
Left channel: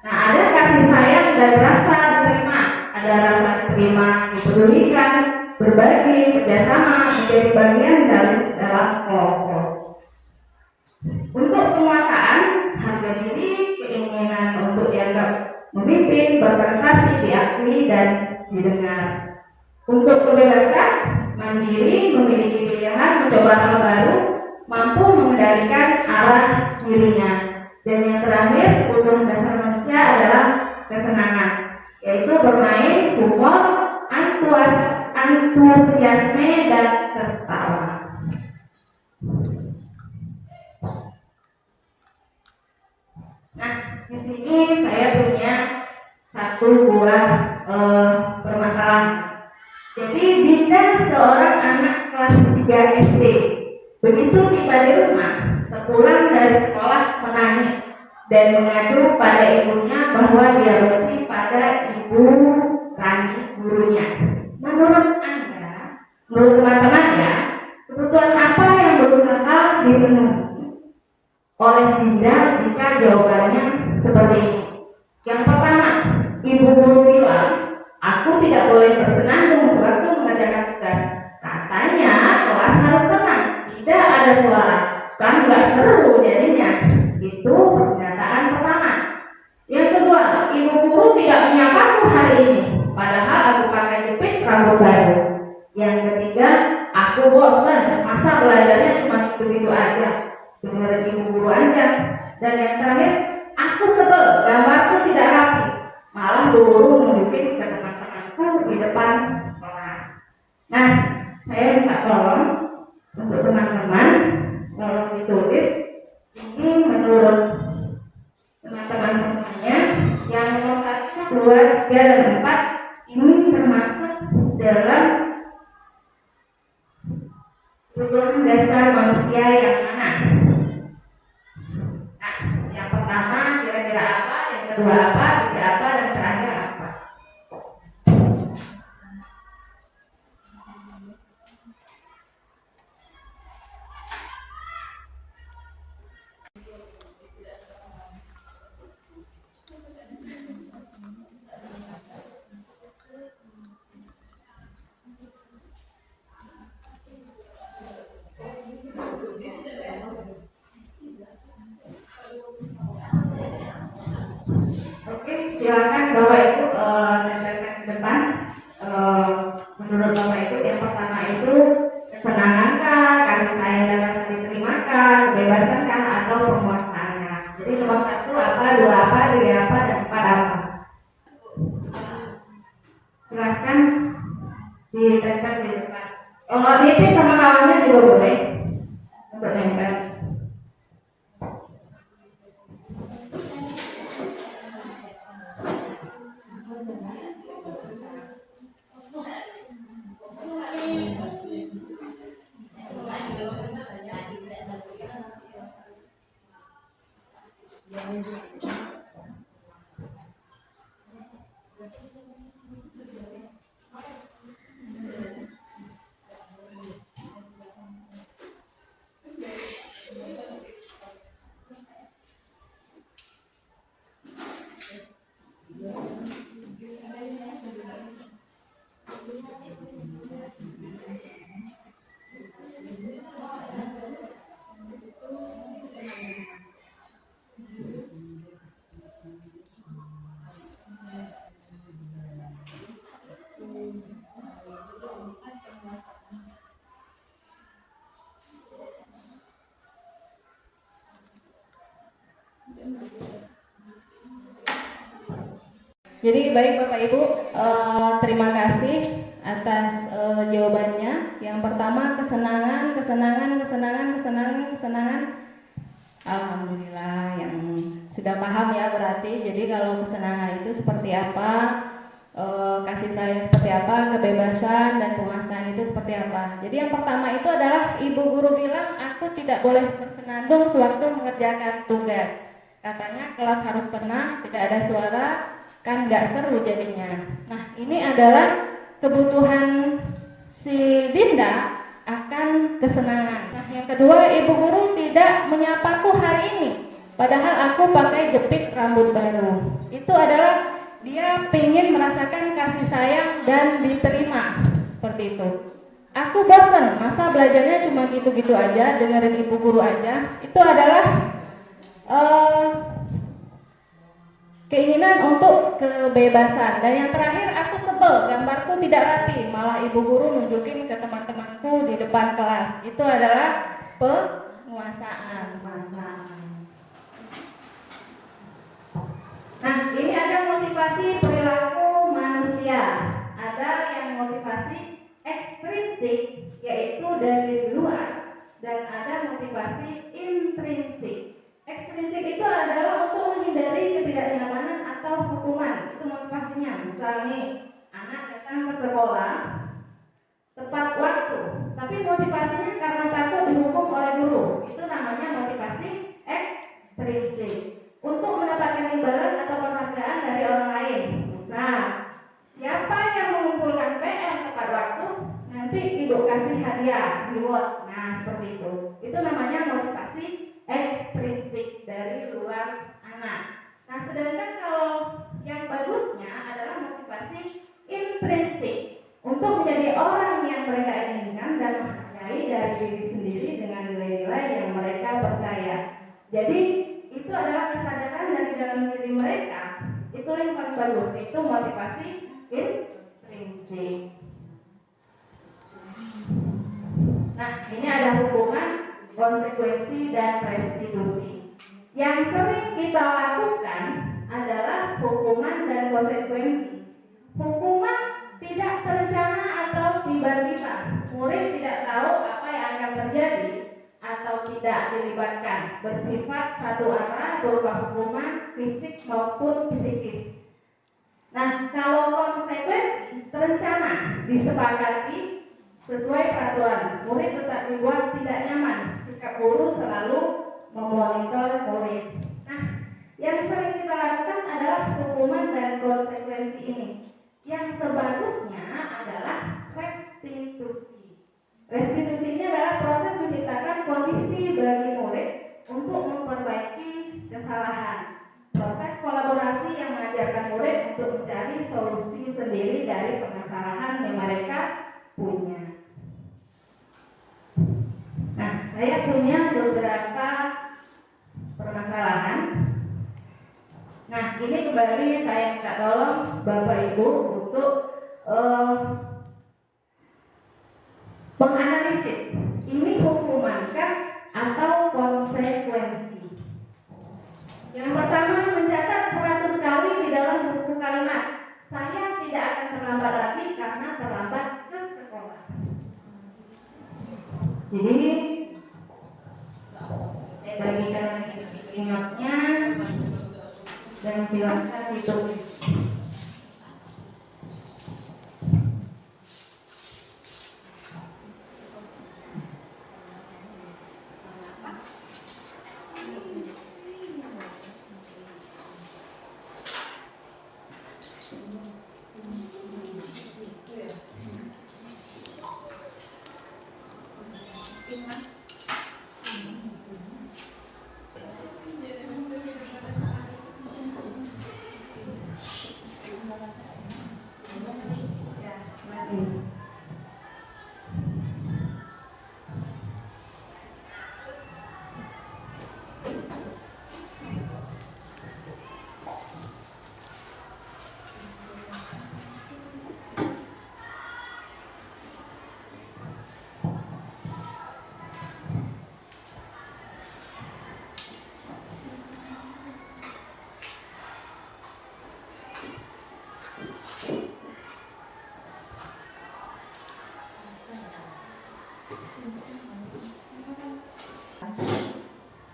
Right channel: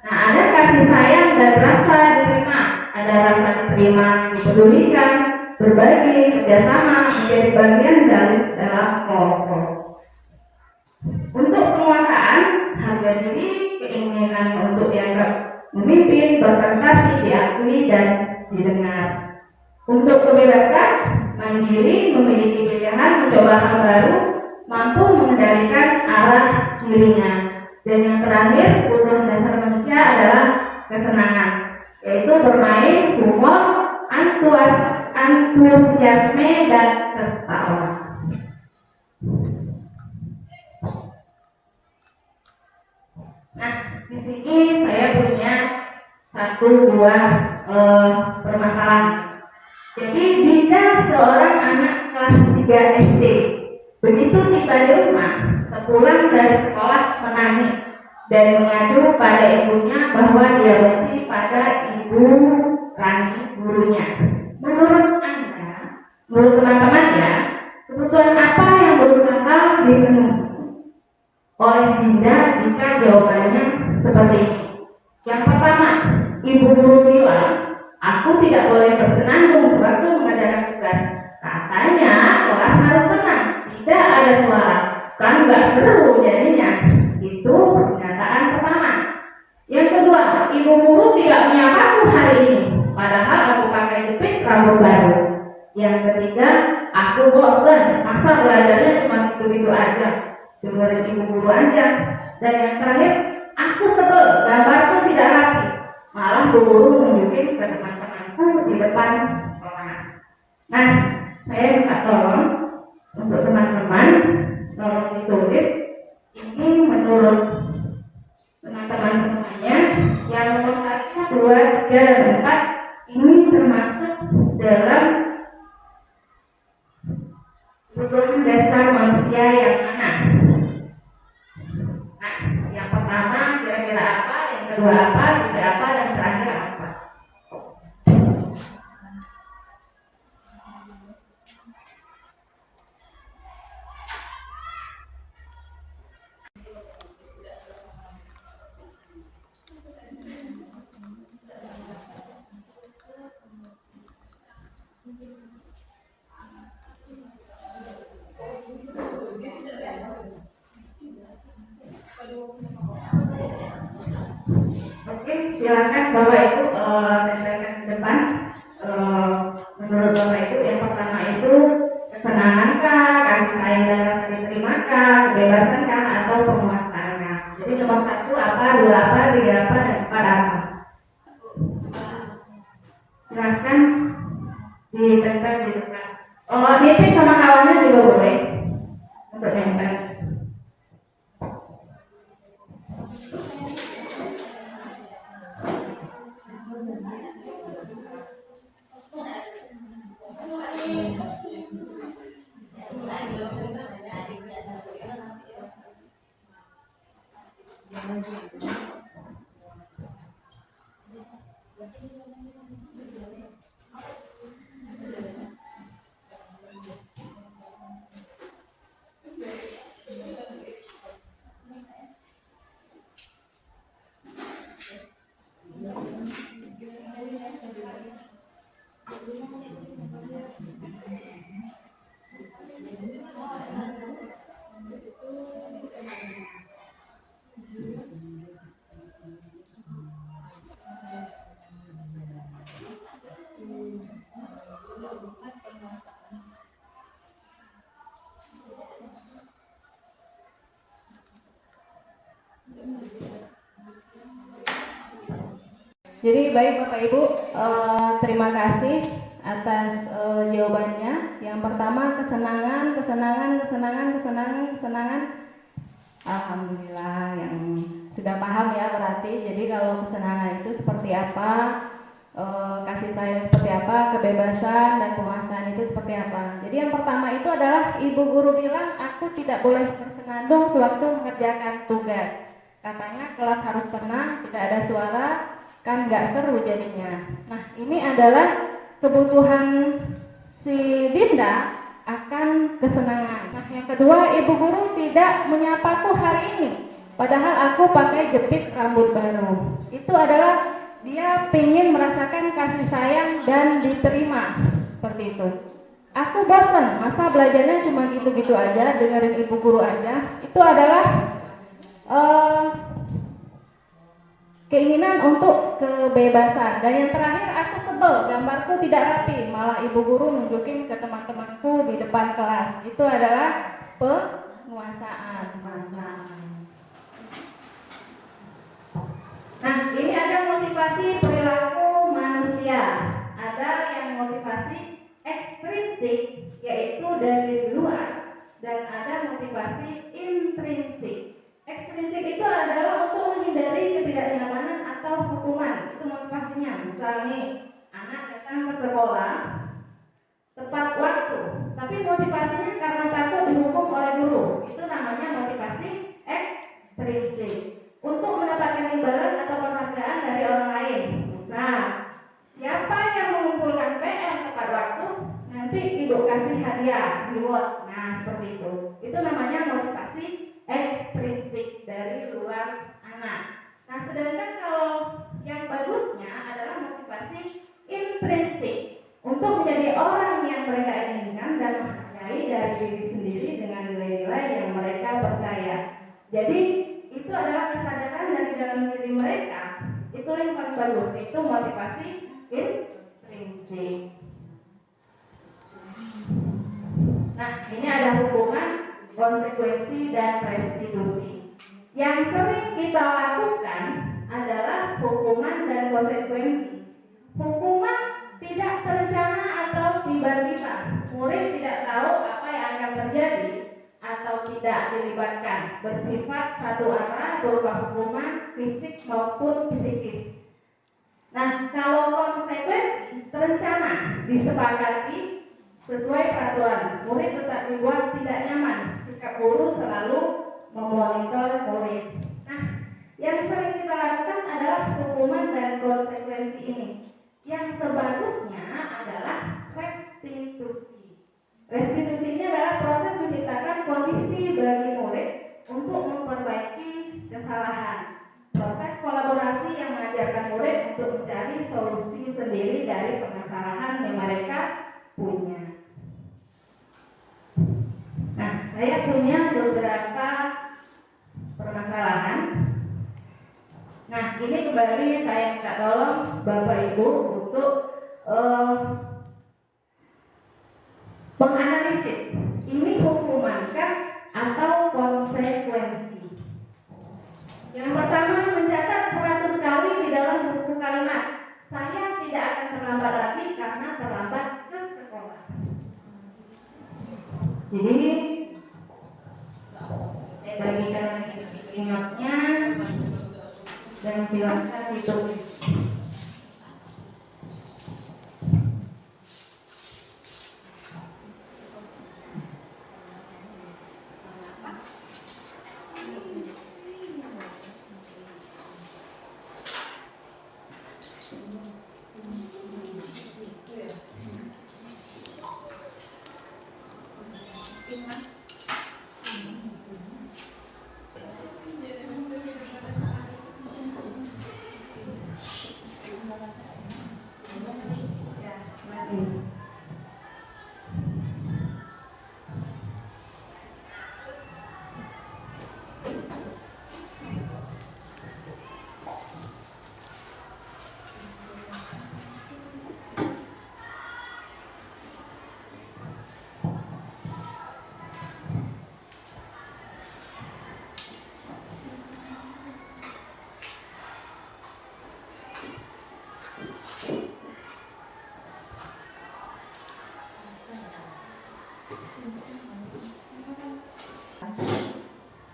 Nah, ada kasih sayang dan rasa diterima. Ada rasa diterima, dipedulikan, berbagi, kerjasama, menjadi bagian dalam kelompok. Untuk penguasaan, harga diri, keinginan untuk dianggap memimpin, berprestasi, diakui dan didengar. Untuk kebebasan, mandiri, memiliki pilihan, mencoba hal baru, mampu mengendalikan arah dirinya. Dan yang terakhir, kebutuhan dasar manusia adalah kesenangan, yaitu bermain, humor, antusiasme dan tertawa. Nah, di sini saya punya satu buah permasalahan. Jadi bila seorang anak kelas 3 SD begitu tiba di rumah, sepulang dari sekolah menangis dan mengadu pada ibunya bahwa dia benci pada ibu Rani, gurunya. Menurut Anda, menurut teman-teman ya, kebutuhan apa yang berusaha dipenuhi oleh Dinda jika jawabannya seperti ini? Yang pertama, ibu guru bilang, aku tidak boleh bersenandung sewaktu mengerjakan tugas. Katanya kelas harus tenang, tidak ada suara, kan nggak seru jadinya. Itu pernyataan pertama. Yang kedua, ibu guru tidak menyapaku hari ini, padahal aku pakai jepit rambut baru. Yang ketiga, aku bosan, masa belajarnya cuma gitu-gitu aja, dengerin ibu guru aja. Dan yang terakhir, aku sebel, gambarku tidak rapi, malah guru nunjukin ke teman-temanku di depan kelas. Nah, saya minta tolong untuk teman-teman ditulis ini menurut teman-teman semuanya. Yang nomor 1, 2, 3, dan 4 ini termasuk dalam kebutuhan dasar manusia yang mana? Nah, yang pertama kira-kira apa, yang kedua apa, ketiga apa, dan terakhir apa? Oke, silakan Bapak Ibu tempelkan ke depan. Menurut Bapak Ibu, yang pertama itu kesenangan kah, kasih sayang dan rasa diterima kah, kebebasan kah, atau penguasaan kah? Jadi nomor 1 apa, 2 apa, 3 apa, dan 4 apa? Silakan ditempel di depan. Kalau meeting sama kawannya juga boleh untuk nempel. Jadi baik Bapak Ibu, terima kasih atas jawabannya. Yang pertama kesenangan. Alhamdulillah yang sudah paham ya berarti. Jadi kalau kesenangan itu seperti apa, kasih sayang seperti apa, kebebasan dan penguasaan itu seperti apa. Jadi yang pertama itu adalah ibu guru bilang aku tidak boleh bersenandung sewaktu mengerjakan tugas. Katanya kelas harus tenang, tidak ada suara, kan nggak seru jadinya. Nah ini adalah kebutuhan si Dinda akan kesenangan. Nah yang kedua, ibu guru tidak menyapaku hari ini, padahal aku pakai jepit rambut baru. Itu adalah dia ingin merasakan kasih sayang dan diterima seperti itu. Aku bosan, masa belajarnya cuma gitu-gitu aja, dengerin ibu guru aja. Itu adalah keinginan untuk kebebasan. Dan yang terakhir, aku sebel, gambarku tidak rapi, malah ibu guru nunjukin ke teman-temanku di depan kelas. Itu adalah penguasaan. Nah, ini ada motivasi perilaku manusia. Ada yang motivasi ekstrinsik, yaitu dari luar, dan ada motivasi intrinsik. Ekstrinsik itu adalah untuk menghindari ketidaknyamanan atau hukuman. Itu motivasinya. Misalnya, anak datang ke sekolah tepat waktu, tapi motivasinya karena takut dihukum oleh guru. Itu namanya motivasi ekstrinsik. Untuk mendapatkan imbalan atau penghargaan dari orang lain. Misal, siapa yang mengumpulkan PR tepat waktu, nanti ibu kasih hadiah, reward. Nah, seperti itu. Itu namanya motivasi ekstrinsik dari luar anak. Nah, sedangkan kalau yang bagusnya adalah motivasi intrinsik, untuk menjadi orang yang mereka inginkan dan menghargai dari diri sendiri dengan nilai-nilai yang mereka percaya. Jadi itu adalah kesadaran dari dalam diri mereka. Itu yang paling bagus, itu motivasi intrinsik. Nah, ini ada hukuman, konsekuensi, dan restitusi. Yang sering kita lakukan adalah hukuman dan konsekuensi. Hukuman tidak terencana atau tiba-tiba. Murid tidak tahu apa yang akan terjadi atau tidak dilibatkan, bersifat satu arah berupa hukuman fisik maupun psikis. Nah, kalau konsekuensi terencana, disepakati sesuai peraturan, murid tetap dibuat tidak nyaman, sikap guru selalu memonitor murid. Nah, yang sering kita lakukan adalah hukuman dan konsekuensi ini. Yang sebagusnya adalah restitusi. Restitusi ini adalah proses menciptakan kondisi bagi murid untuk memperbaiki kesalahan. Proses kolaborasi yang mengajarkan murid untuk mencari solusi sendiri dari permasalahan yang mereka punya. Nah, saya punya beberapa permasalahan. Nah, ini kembali saya minta tolong Bapak Ibu untuk menganalisis ini hukumankah atau konsekuensi. Yang pertama, mencatat 100 kali di dalam buku kalimat, saya tidak akan terlambat lagi karena terlambat ke sekolah. Jadi saya bagikan ingatnya dan silakan ditulis.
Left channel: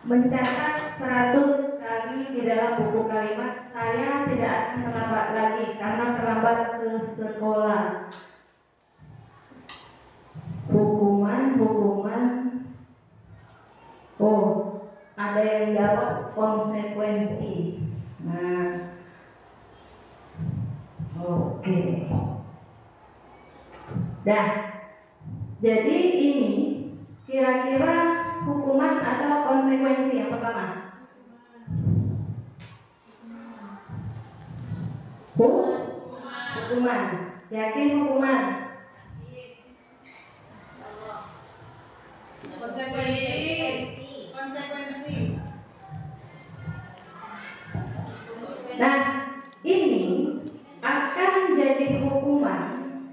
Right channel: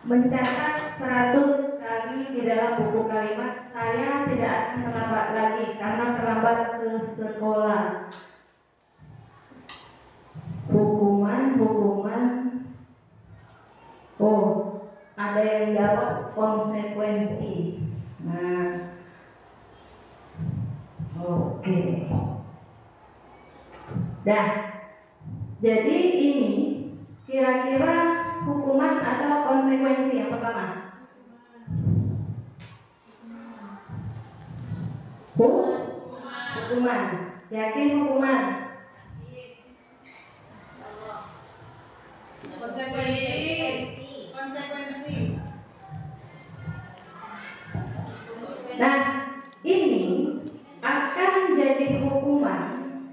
mencatat 100 kali di dalam buku kalimat, saya tidak akan terlambat lagi karena terlambat ke sekolah. Hukuman. Oh, ada yang jawab konsekuensi. Nah, oke. Dah. Jadi ini kira-kira hukuman atau konsekuensi yang pertama? Hukuman. Yakin hukuman? Konsekuensi. Nah, ini akan jadi hukuman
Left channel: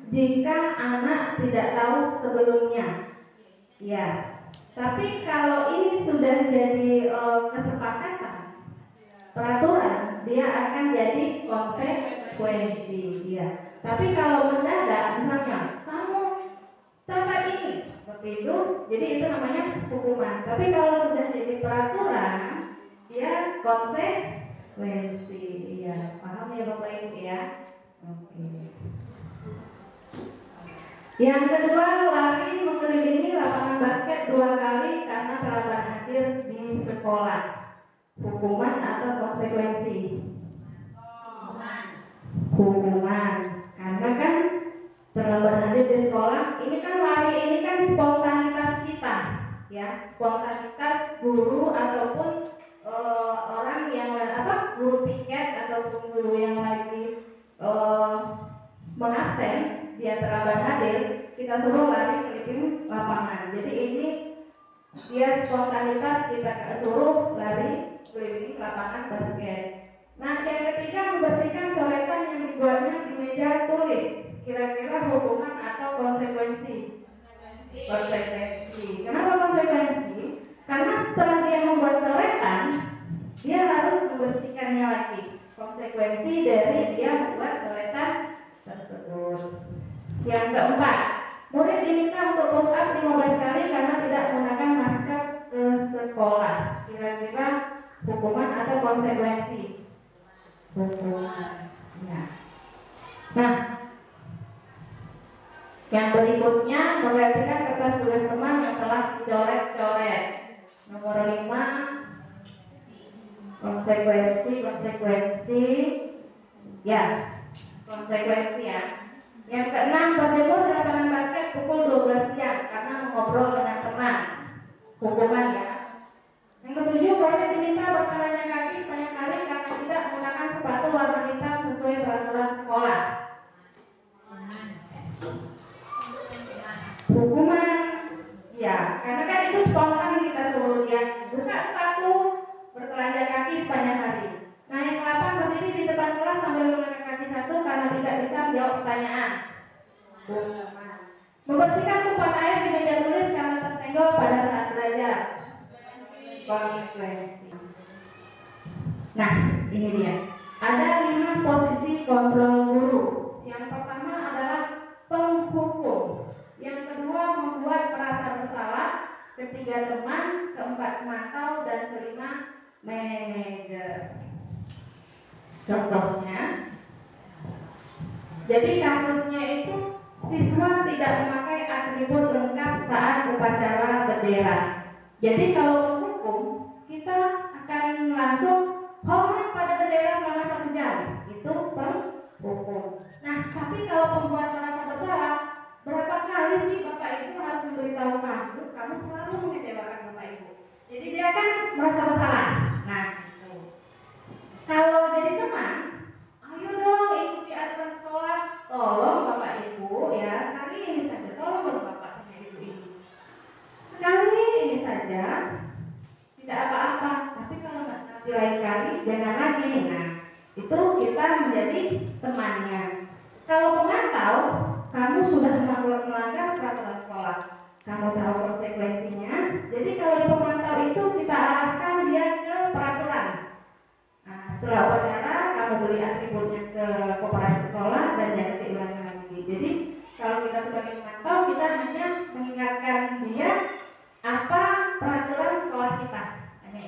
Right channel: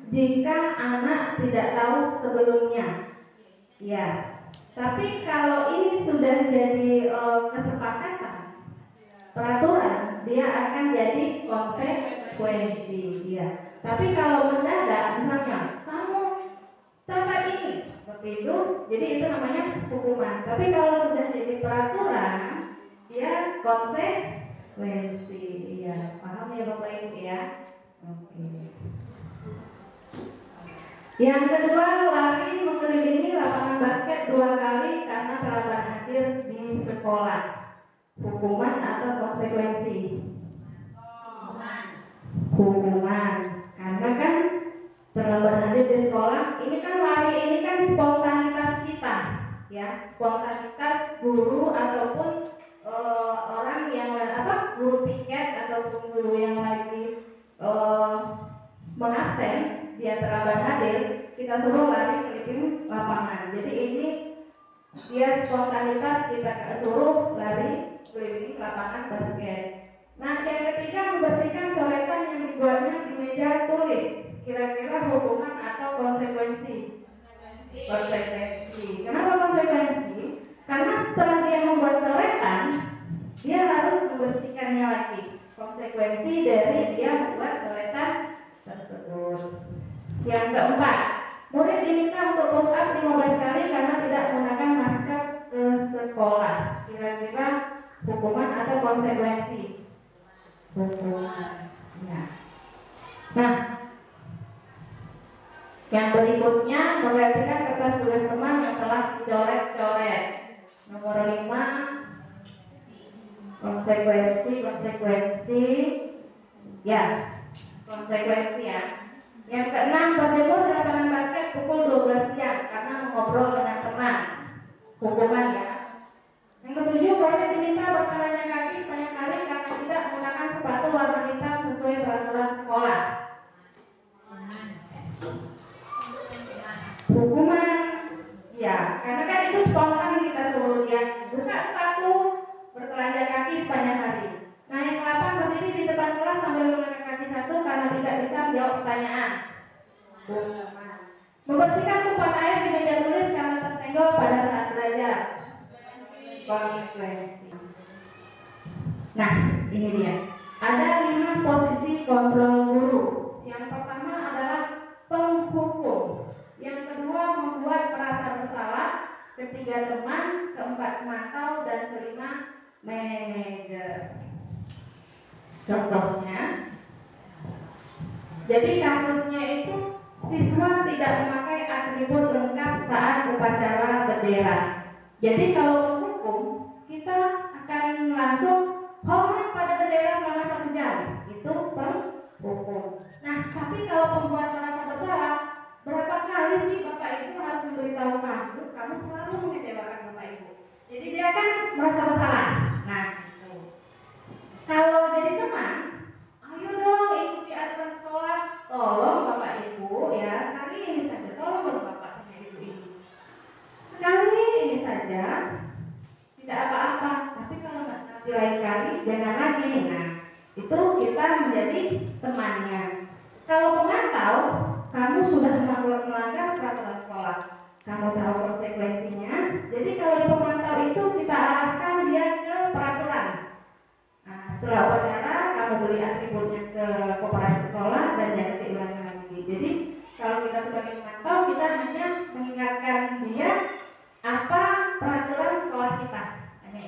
jika anak tidak tahu sebelumnya. Ya. Tapi kalau ini sudah jadi kesepakatan, peraturan, dia akan jadi konsekuensi. Ya. Tapi kalau mendadak, misalnya kamu catat ini, seperti itu, jadi itu namanya hukuman. Tapi kalau sudah jadi peraturan, dia konsekuensi. Ya, paham ya Bapak Ibu ya? Oke. Yang kedua, lari mengelilingi lapangan basket 2 kali karena terlambat hadir di sekolah. Hukuman atau konsekuensi? Hukuman. Karena kan terlambat hadir di sekolah, ini kan lari, ini kan spontanitas kita, ya, spontanitas guru ataupun orang yang guru piket ataupun guru yang lagi mengabsen, dia terlambat hadir, kita suruh lari keliling lapangan. Jadi ini dia spontanitas, kita suruh lari keliling lapangan basket. Nah, yang ketiga, membersihkan coretan yang dibuatnya di meja tulis. Kira-kira hukuman atau konsekuensi? Konsekuensi. Kenapa konsekuensi? Karena setelah dia membuat coretan, dia harus membersihkannya lagi. Konsekuensi dari dia membuat coretan tersebut. Yang keempat, murid diminta untuk push up 15 kali karena tidak menggunakan masker ke sekolah. Kira-kira hukuman atau konsekuensi? Hukuman. Ya. Nah, yang berikutnya, menggantikan kertas tulis teman yang telah dicoret-coret. Nomor 5, konsekuensi. Ya, konsekuensi ya. Yang keenam, berjemur di lapangan basket pukul 12 siang karena mengobrol dengan teman. Hukuman ya. Yang ketujuh, boleh diminta berjalannya kaki banyak kali karena tidak menggunakan sepatu warna hitam sesuai peraturan sekolah. Hukuman, ya, karena kan itu spontan, kita suruh dia buka sepatu, bertelanjang kaki sepanjang hari. Nah, yang ke-8, berdiri di depan kelas sambil mengangkat kaki satu karena tidak bisa menjawab pertanyaan. Hukuman. Membersihkan tumpahan air di meja tulis karena tersenggol pada saat belajar. Konsekuensi. Nah, ini dia. Ada 5 posisi kontrol guru. Yang pertama adalah penghukum. Yang kedua, membuat merasa bersalah. Ketiga, teman. Keempat, memantau. Dan kelima, manajer. Contohnya, jadi kasusnya itu siswa tidak memakai atribut lengkap saat upacara bendera. Jadi kalau menghukum, kita akan langsung hormat pada bendera selama 1 jam. Itu penghukum. Nah, tapi kalau pembuat merasa bersalah, berapa kali sih Bapak Ibu harus memberitahu kamu selalu mengecewakan Bapak Ibu. Jadi dia kan merasa bersalah. Nah, gitu. Kalau jadi teman, ayo dong ikuti aturan sekolah. Tolong Bapak Ibu ya, sekali ini saja. Tolong dong Bapak sama Ibu ini. Sekali ini saja, tidak apa-apa. Tapi kalau nanti lain kali, jangan lagi. Nah, itu kita menjadi temannya. Kalau pemantau, kamu sudah melanggar peraturan sekolah, kamu tahu konsekuensinya. Jadi kalau di pemantau itu kita arahkan dia ke peraturan. Nah, setelah upacara kamu beli atributnya ke koperasi sekolah dan jangan diulangi lagi. Jadi kalau kita sebagai pemantau, kita hanya mengingatkan dia apa peraturan sekolah kita, hanya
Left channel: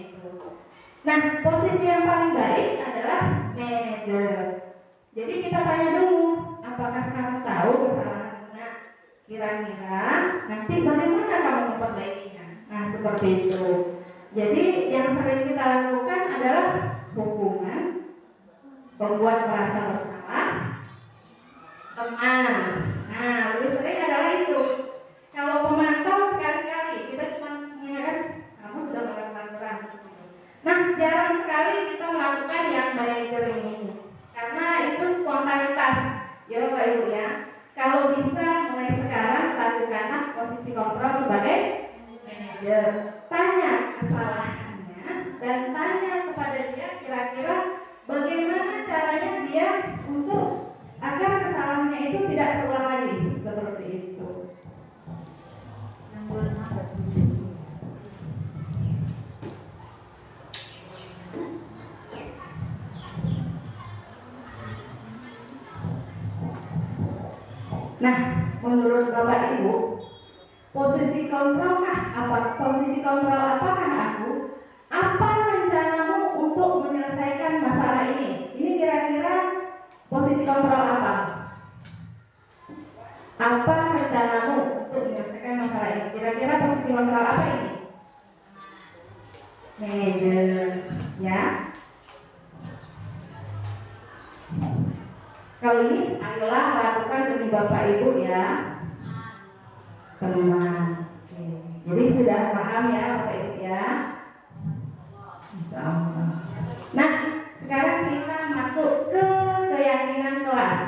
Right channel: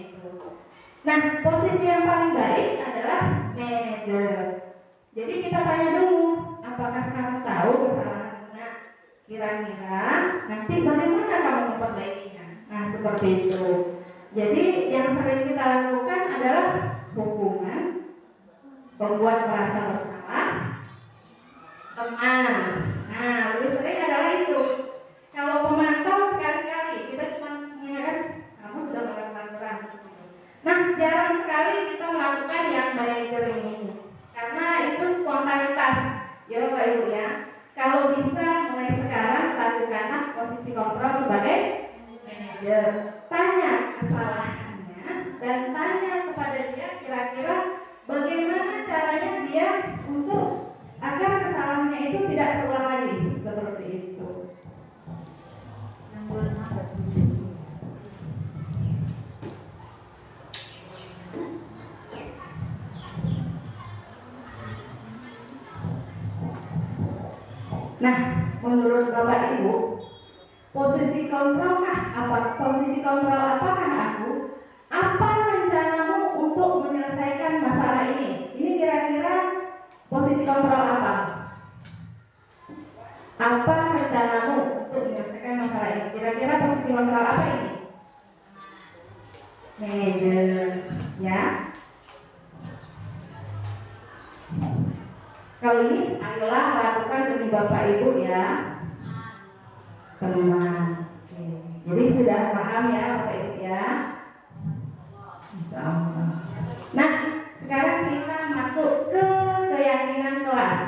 seperti itu. Jadi yang sering kita lakukan adalah hubungan, membuat merasa bersalah, teman. Nah, lebih sering adalah itu. Kalau pemantau sekali-sekali kita cuma mengingatkan kamu sudah melanggar peraturan. Nah, jarang sekali kita melakukan yang manajer ini, karena itu spontanitas, ya Bapak Ibu ya. Kalau bisa mulai sekarang lakukanlah posisi kontrol sebagai manajer. Tanya kesalahannya dan tanya kepada dia kira-kira bagaimana caranya dia untuk agar kesalahannya itu tidak terulang lagi seperti itu. Nah, menurut Bapak Ibu, posisi kontrol apakah aku? Apa rencanamu untuk menyelesaikan masalah ini? Ini kira-kira posisi kontrol apa? Apa rencanamu untuk menyelesaikan masalah ini? Kira-kira posisi kontrol apa ini? Manajer, ya. Kali ini ayolah lakukan demi Bapak Ibu ya, teman. Jadi sudah paham ya Bapak Ibu ya. Nah, sekarang kita masuk ke keyakinan kelas.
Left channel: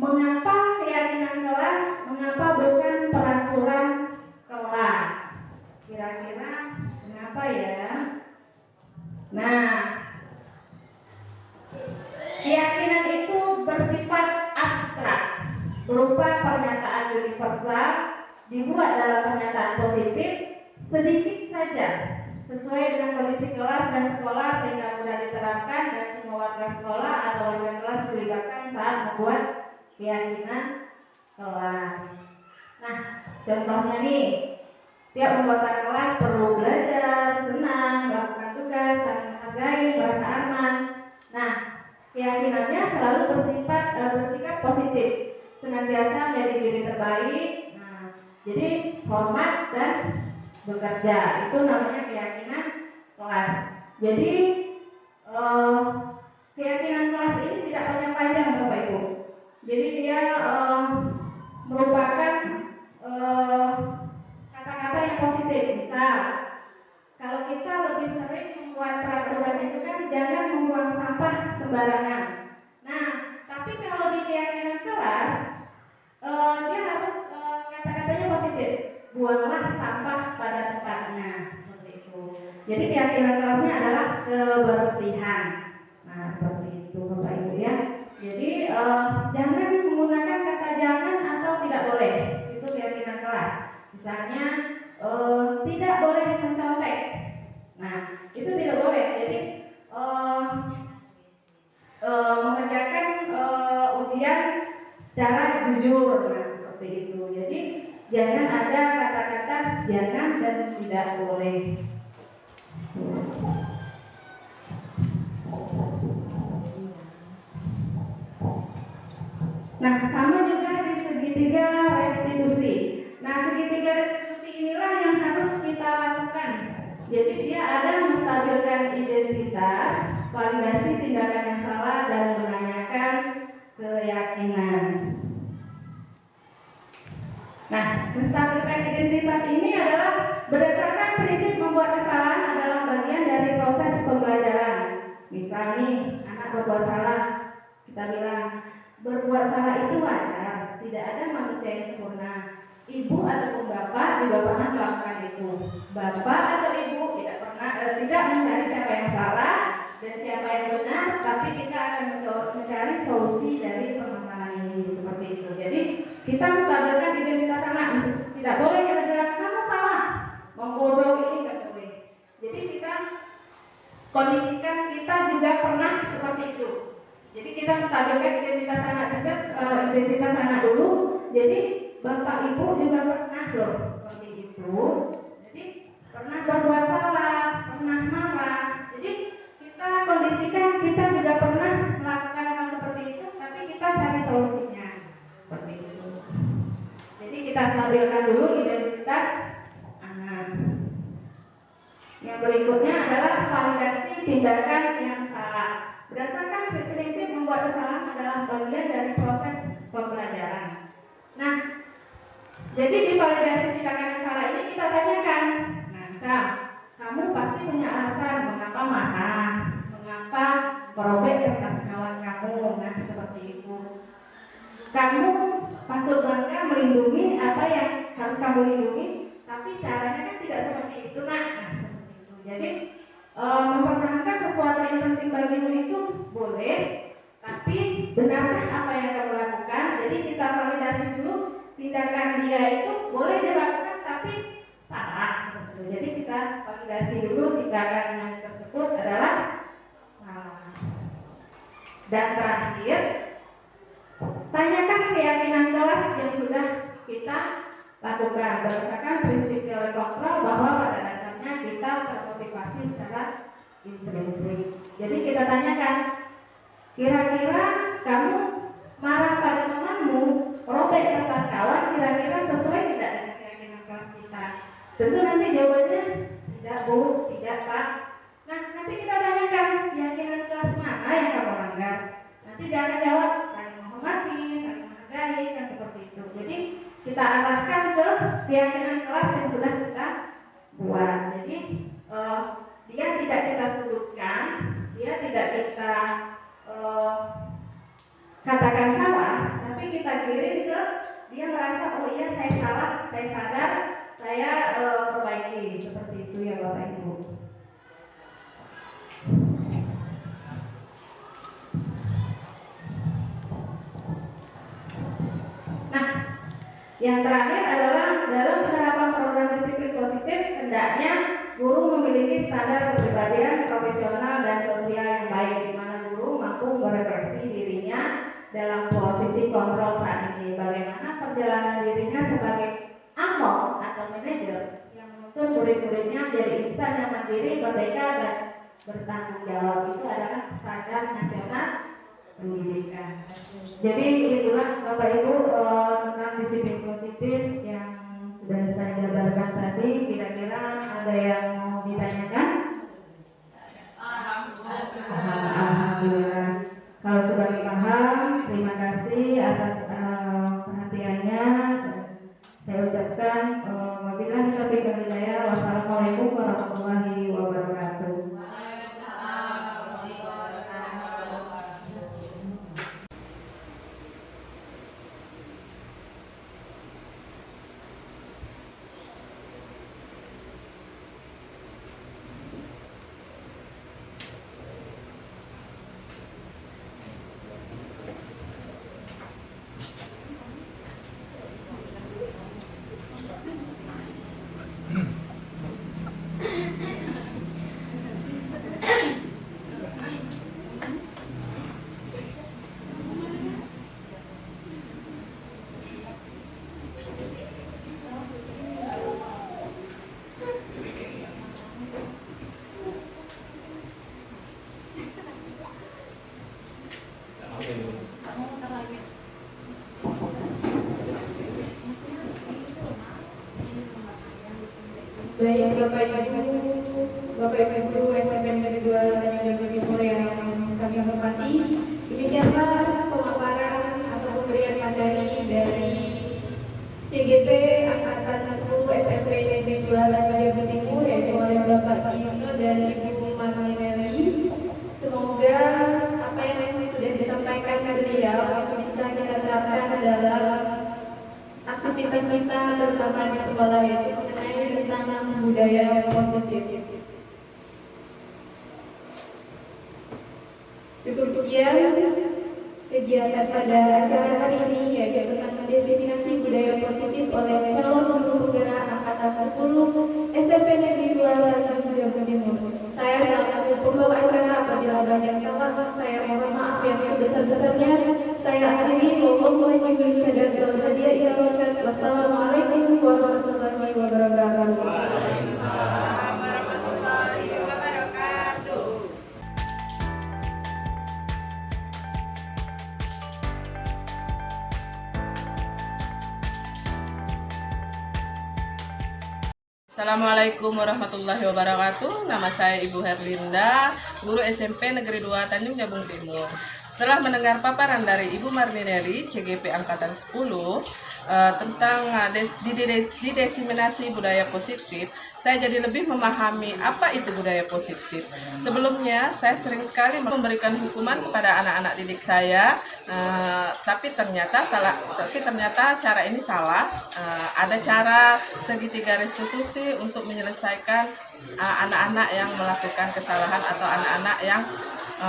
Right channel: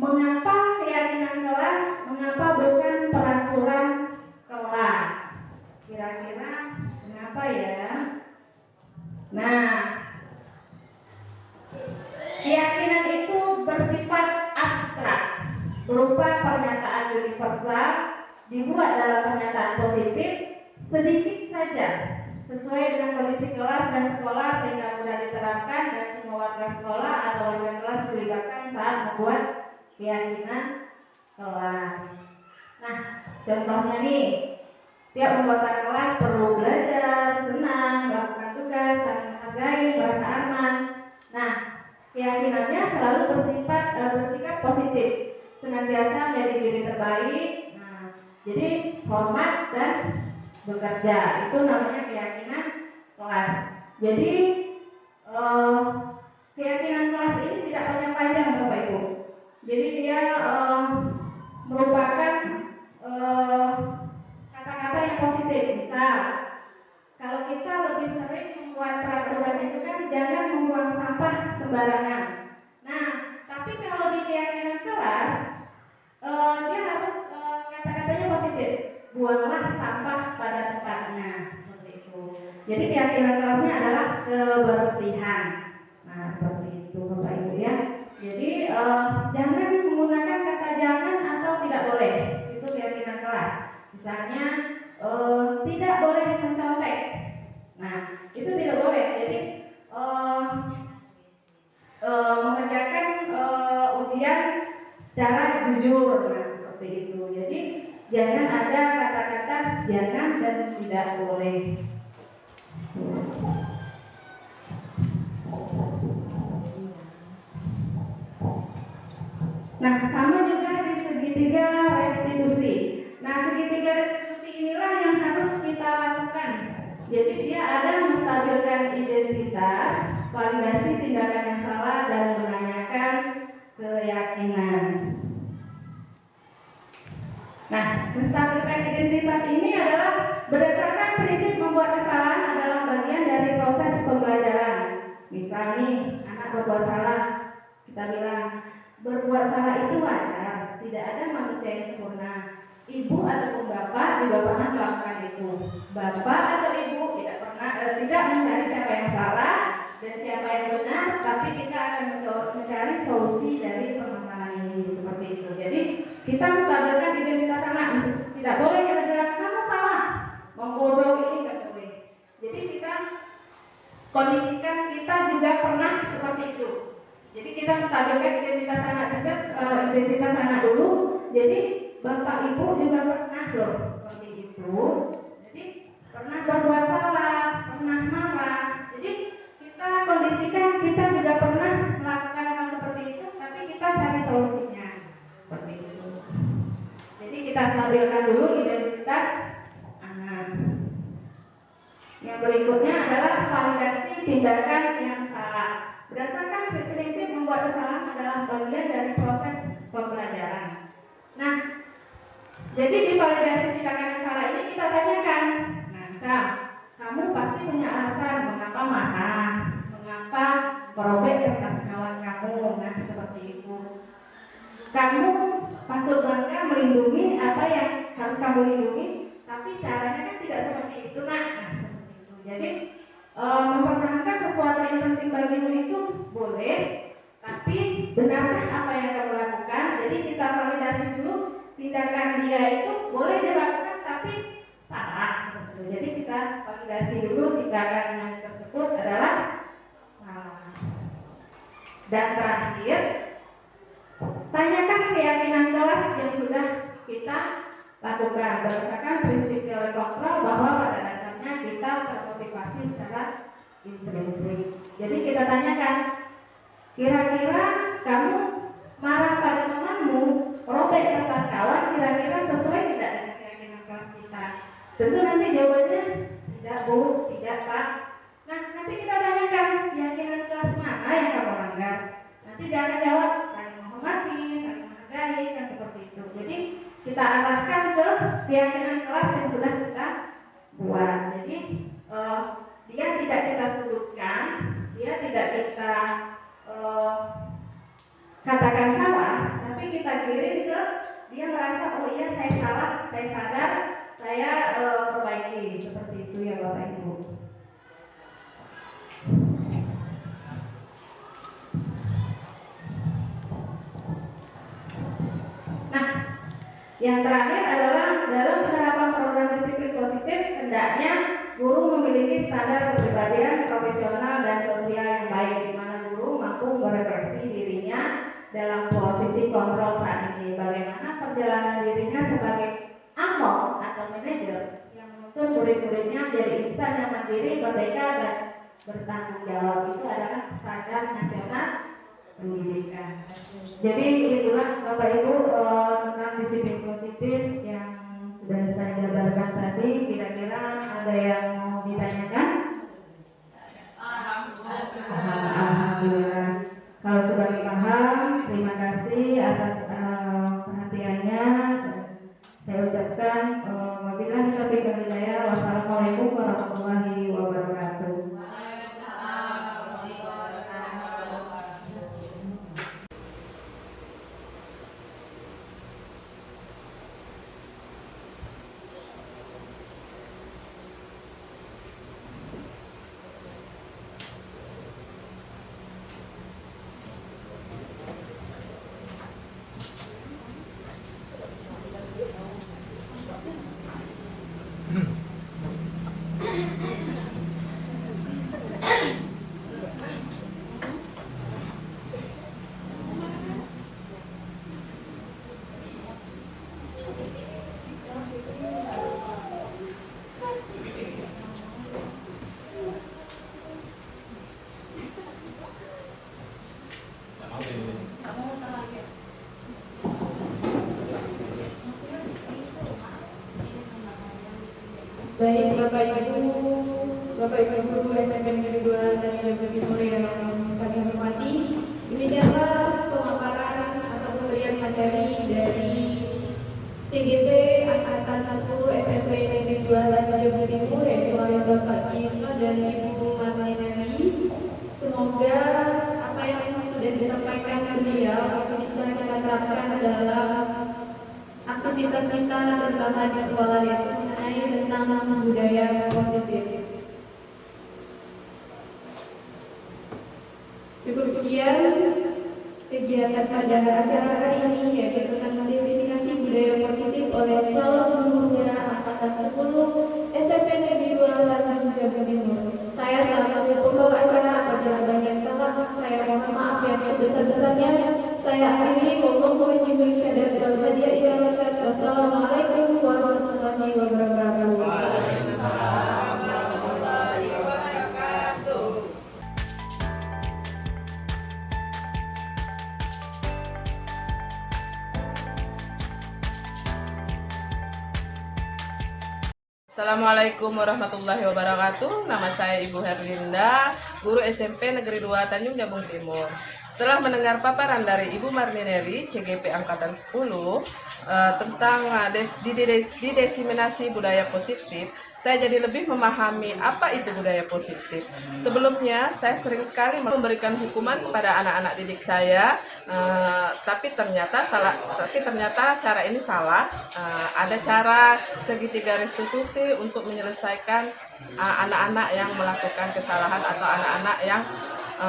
Mengapa keyakinan kelas? Mengapa bukan peraturan kelas? Kira-kira kenapa ya? Nah, keyakinan itu bersifat abstrak, berupa pernyataan universal, dibuat dalam pernyataan positif, sedikit saja, sesuai dengan kondisi kelas dan sekolah sehingga mudah diterapkan dan semua warga sekolah atau warga kelas dilibatkan saat membuat keyakinan kelas. Nah, contohnya nih, setiap anggota kelas perlu belajar, senang, melakukan tugas, saling menghargai, merasa aman. Nah, keyakinannya selalu bersikap positif, senantiasa menjadi diri terbaik. Nah, jadi hormat dan bekerja, itu namanya keyakinan kelas. Jadi keyakinan kelas ini tidak panjang-panjang Bapak Ibu. Jadi dia merupakan kata-kata yang positif. Misal, kalau kita lebih sering membuat peraturan itu kan jangan membuang sampah sembarangan. Nah, tapi kalau di keyakinan kelas dia harus kata-katanya positif. Buanglah sampah pada tempatnya, seperti itu. Jadi keyakinan kelasnya adalah kebersihan. Nah, seperti itu Bapak Ibu ya. Jadi jangan menggunakan kata jangan atau tidak boleh. Itu keyakinan kelas. Misalnya tidak boleh mencontek. Nah, itu tidak boleh. Jadi mengerjakan ujian secara jujur, nah, seperti itu. Jadi jangan ada kata-kata jangan dan tidak boleh. Nah, sama juga di segitiga restitusi. Nah, segitiga restitusi inilah yang harus kita lakukan. Jadi dia ada menstabilkan identitas, validasi tindakan yang salah, dan menanyakan keyakinan. Nah, menstabilkan identitas ini adalah berdasarkan prinsip membuat kesalahan adalah bagian dari proses pembelajaran. Misal nih, anak berbuat salah, kita bilang berbuat salah itu wajar, tidak ada manusia yang sempurna. Ibu ataupun bapak juga pernah melakukan itu. Bapak atau ibu tidak mencari siapa yang salah dan siapa yang benar, tapi kita akan mencari solusi dari permasalahan ini, seperti itu. Jadi kita menstabilkan identitas anak. Tidak boleh kita bilang kamu salah, membodohi ini nggak boleh. Jadi kita kondisikan kita juga pernah seperti itu. Jadi kita menstabilkan identitas anak juga, identitas anak dulu. Jadi bapak ibu juga pernah loh seperti itu. Jadi pernah berbuat salah, pernah marah. Jadi kita kondisikan kita juga pernah melakukan hal seperti itu, tapi kita cari solusinya seperti itu. Jadi kita stabilkan dulu identitas anak. berikutnya adalah validasi tindakan yang salah. Berdasarkan prinsip membuat kesalahan adalah bagian dari proses pembelajaran. Nah, jadi di validasi tindakan yang salah ini kita tanyakan, nah misal, kamu pasti punya alasan mengapa marah, mengapa merobek kertas kawan kamu, nah seperti itu. Kamu patut bangga melindungi apa yang harus kamu lindungi, tapi caranya kan tidak seperti itu, nah seperti itu. Jadi mempertahankan sesuatu yang penting bagimu itu boleh, tapi benarkah apa yang kamu lakukan? Jadi kita validasi dulu tindakan dia itu boleh dilakukan tapi salah. Jadi kita validasi dulu tindakan yang tersebut adalah salah. Dan terakhir, tanyakan keyakinan kelas yang sudah kita lakukan berdasarkan prinsip teori kontrol bahwa pada dasarnya kita termotivasi secara intrinsik. Jadi kita tanyakan, kira-kira kamu marah pada temanmu, robek kertas kawan, kira-kira sesuai tidak dengan keyakinan kelas kita? Tentu nanti jawabannya tidak, Bu, tidak, Pak. Nah, nanti kita tanyakan keyakinan kelas mana yang kamu langgar. Nanti dia akan jawab saling menghormati, saling menghargai, kan seperti itu. Jadi kita arahkan ke keyakinan kelas yang sudah kita buat. Jadi dia tidak kita sudutkan, dia tidak kita katakan salah, tapi kita kirim ke dia merasa oh iya saya salah, saya sadar, saya perbaiki, seperti itu ya Bapak Ibu. Nah, yang terakhir adalah dalam penerapan program disiplin positif hendaknya guru memiliki standar kepribadian profesional dan sosial yang baik, di mana guru mampu merefleksi dirinya dalam posisi kontrol saat ini, bagaimana perjalanan dirinya sebagai among atau manajer yang menuntun murid-muridnya menjadi insan yang mandiri, merdeka dan bertanggung jawab. Itu adalah standar nasional pendidikan. Jadi itulah Bapak Ibu tentang disiplin positif yang sudah saya jabarkan tadi. Kira-kira ada yang mau ditanyakan? Alhamdulillah. Kalau sudah paham, terima kasih atas perhatiannya. Saya ucapkan wabillahi taufiq wal hidayah. Wassalamualaikum warahmatullahi wabarakatuh. Baik Bapak Ibu Guru SMP Negeri 2 dan Jawa Timur yang kami hormati, demikianlah pemaparan atau pemberian materi dari CGP Angkatan 10 SMP Negeri 2 dan Jawa Timur yaitu oleh Bapak Gino dan Ibu Marlinelli. Semoga apa yang sudah disampaikan beliau bisa kita terapkan dalam aktivitas kita terutama di sekolah, yaitu mengenai tentang budaya positif. Cukup sekian kegiatan pada acara hari ini, yaitu tentang mendefinisi budaya positif oleh calon guru penggerak Angkatan 10 SMP Negeri 2 Lampung Jawa Timur. Saya selaku pembawa acara, apabila banyak salah saya mohon maaf yang sebesar-besarnya. Saya akhiri. Wassalamualaikum warahmatullahi wabarakatuh. Assalamualaikum warahmatullahi wabarakatuh. Nama saya Ibu Herlinda, guru SMP Negeri 2 Tanjung Jabung Timur. Setelah mendengar paparan dari Ibu Marnineri, CGP Angkatan 10, tentang diseminasi budaya positif, saya jadi lebih memahami apa itu budaya positif. Sebelumnya, saya sering sekali memberikan hukuman kepada anak-anak didik saya, tapi ternyata cara ini salah. Ada cara segitiga restitusi untuk menyelesaikan anak-anak yang melakukan kesalahan atau anak-anak yang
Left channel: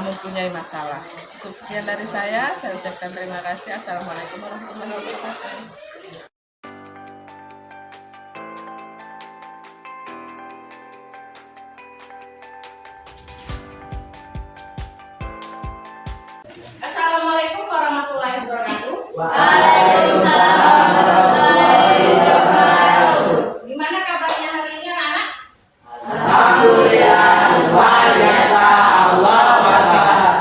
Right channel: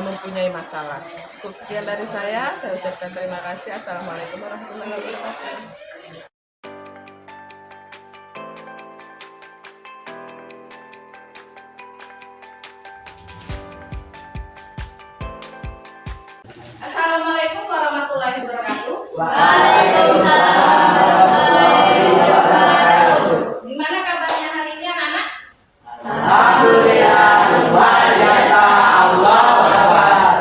mempunyai masalah. Cukup sekian dari saya ucapkan terima kasih. Assalamualaikum warahmatullahi wabarakatuh. Assalamualaikum warahmatullahi wabarakatuh. Gimana kabarnya hari ini anak-anak? Alhamdulillah, luar biasa, Allah Akbar.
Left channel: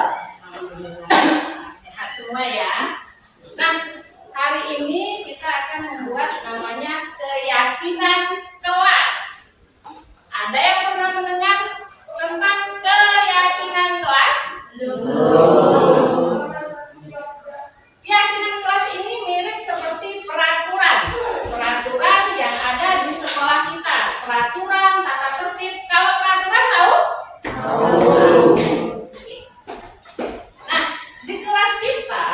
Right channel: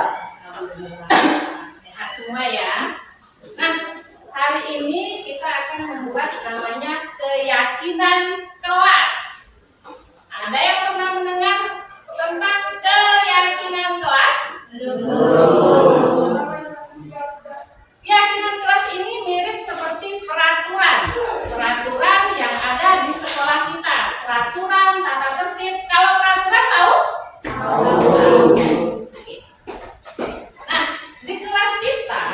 Sehat semua ya. Nah, hari ini kita akan membuat namanya keyakinan kelas. Ada yang pernah mendengar tentang keyakinan kelas? Keyakinan kelas ini mirip seperti peraturan yang ada di sekolah kita. Peraturan, tata tertib. Kalau peraturan tahu? Nah, di kelas kita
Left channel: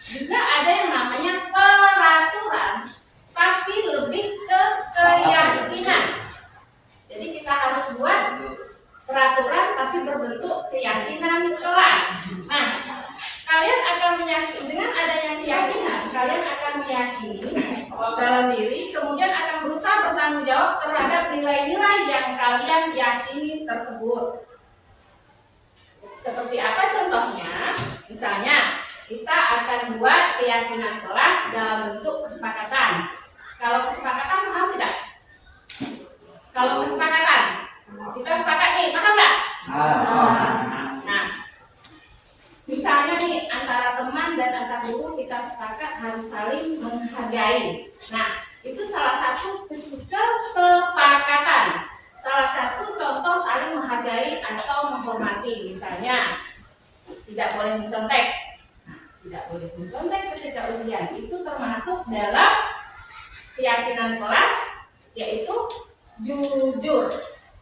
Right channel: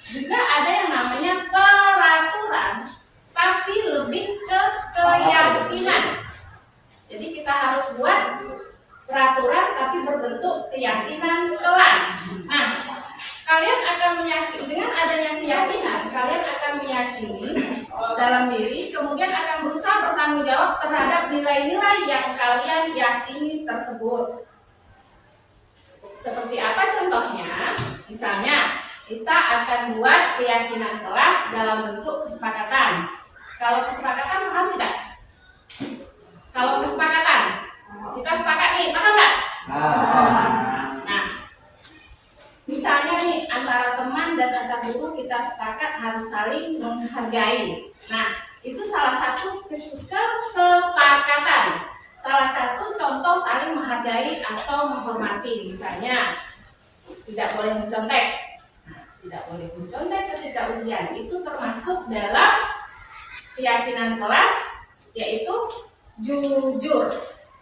juga ada yang namanya peraturan, tapi lebih ke keyakinan. Jadi kita harus buat peraturan tapi berbentuk keyakinan kelas. Nah, kalian akan meyakini, dengan adanya keyakinan, kalian akan meyakini dalam diri, kemudian akan berusaha bertanggung jawab terhadap nilai-nilai yang kalian yakini tersebut. Seperti apa contohnya? Misalnya, kita akan buat keyakinan kelas dalam bentuk kesepakatan. Kalau kesepakatan paham tidak? Kalau kesepakatan, kita sepakat nih, paham nggak? Nah, misalnya nih antara teman dan antar guru kita sepakat harus saling menghargai. Nah, itu salah satu kesepakatan. Salah satu contoh saling menghargai atau menghormati. Misalnya, tidak boleh mencontek. Nah, tidak boleh mencontek ketika ujian. Itu termasuk dalam keyakinan kelas, yaitu jujur.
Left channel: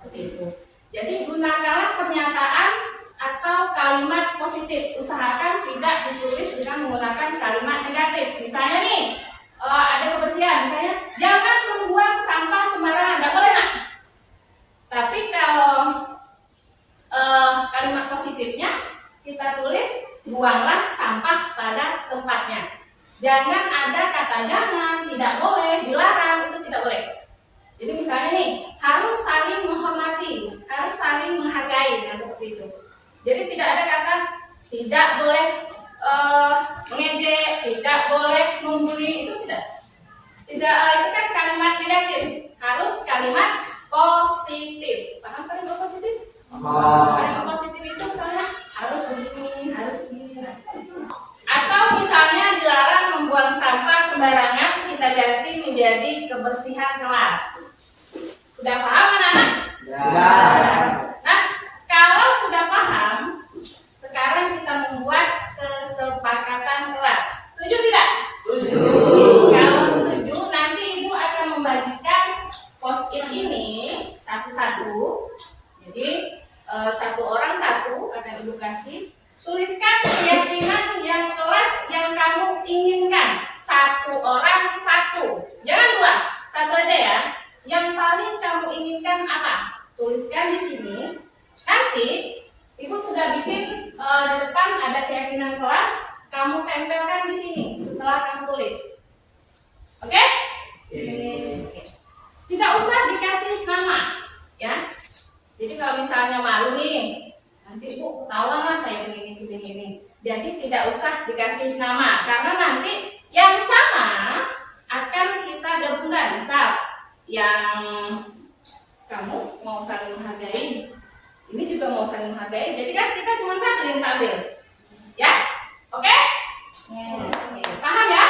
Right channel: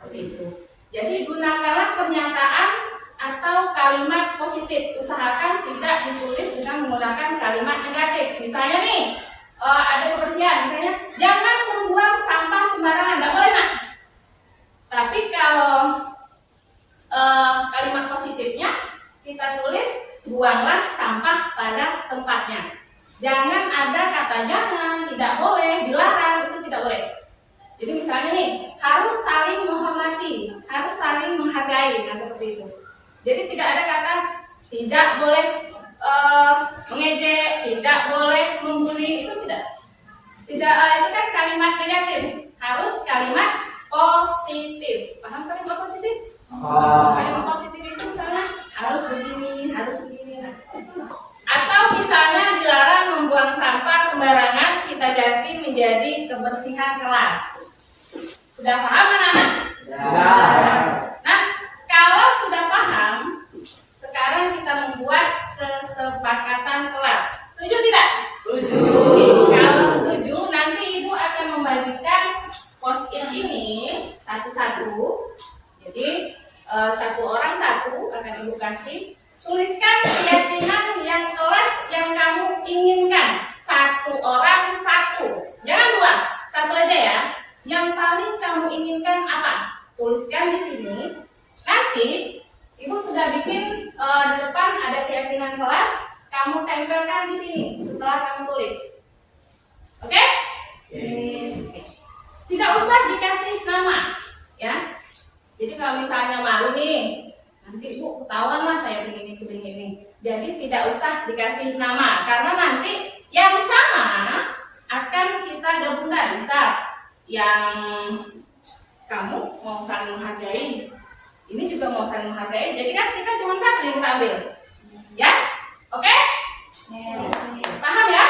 Seperti itu. Jadi gunakanlah pernyataan atau kalimat positif. Usahakan tidak ditulis dengan menggunakan kalimat negatif. Misalnya nih, ada kebersihan. Misalnya, jangan membuang sampah sembarangan. Tidak boleh, nak. Tapi kalau kalimat positifnya, kita tulis buanglah sampah pada tempatnya. Jangan ada kata jangan, tidak boleh, dilarang, itu tidak boleh. Jadi misalnya nih, harus saling menghormati, harus saling menghargai, nah seperti itu. Jadi tidak ada kata tidak boleh mengejek, tidak boleh membuli, itu tidak. Tidak, itu kan kalimat negatif. Harus kalimat positif. Paham kalimat positif? Kalimat positif itu misalnya harus begini, harus begini. Atau misalnya dilarang membuang sampah sembarangan, kita ganti menjadi kebersihan kelas. Sudah paham anak-anak? Ya. Nah, kalau sudah paham, sekarang kita membuat kesepakatan kelas. Setuju tidak? Setuju. Kalau setuju, nanti ibu akan membagikan post-it ini satu-satu. Jadi satu orang satu akan ibu kasih. Tuliskan keyakinan yang kelas yang kamu inginkan. Satu orang satu. Jangan dua, satu aja ya. Yang paling kamu inginkan apa? Tuliskan di sini. Nanti ibu sudah bikin di depan ada keyakinan kelas. Kamu tempelkan di sini setelah kamu tulis. Oke? Tidak usah dikasih nama, ya. Jadi kalau misalnya malu nih, nanti ibu ketahuan lah saya begini ini. Jadi tidak usah dikasih nama, karena nanti yang sama akan kita gabungkan. Misal yang kamu mau saling menghargai, ini juga mau saling menghargai. Jadi kan kita cuma satu yang kita ambil, ya? Oke? Paham ya?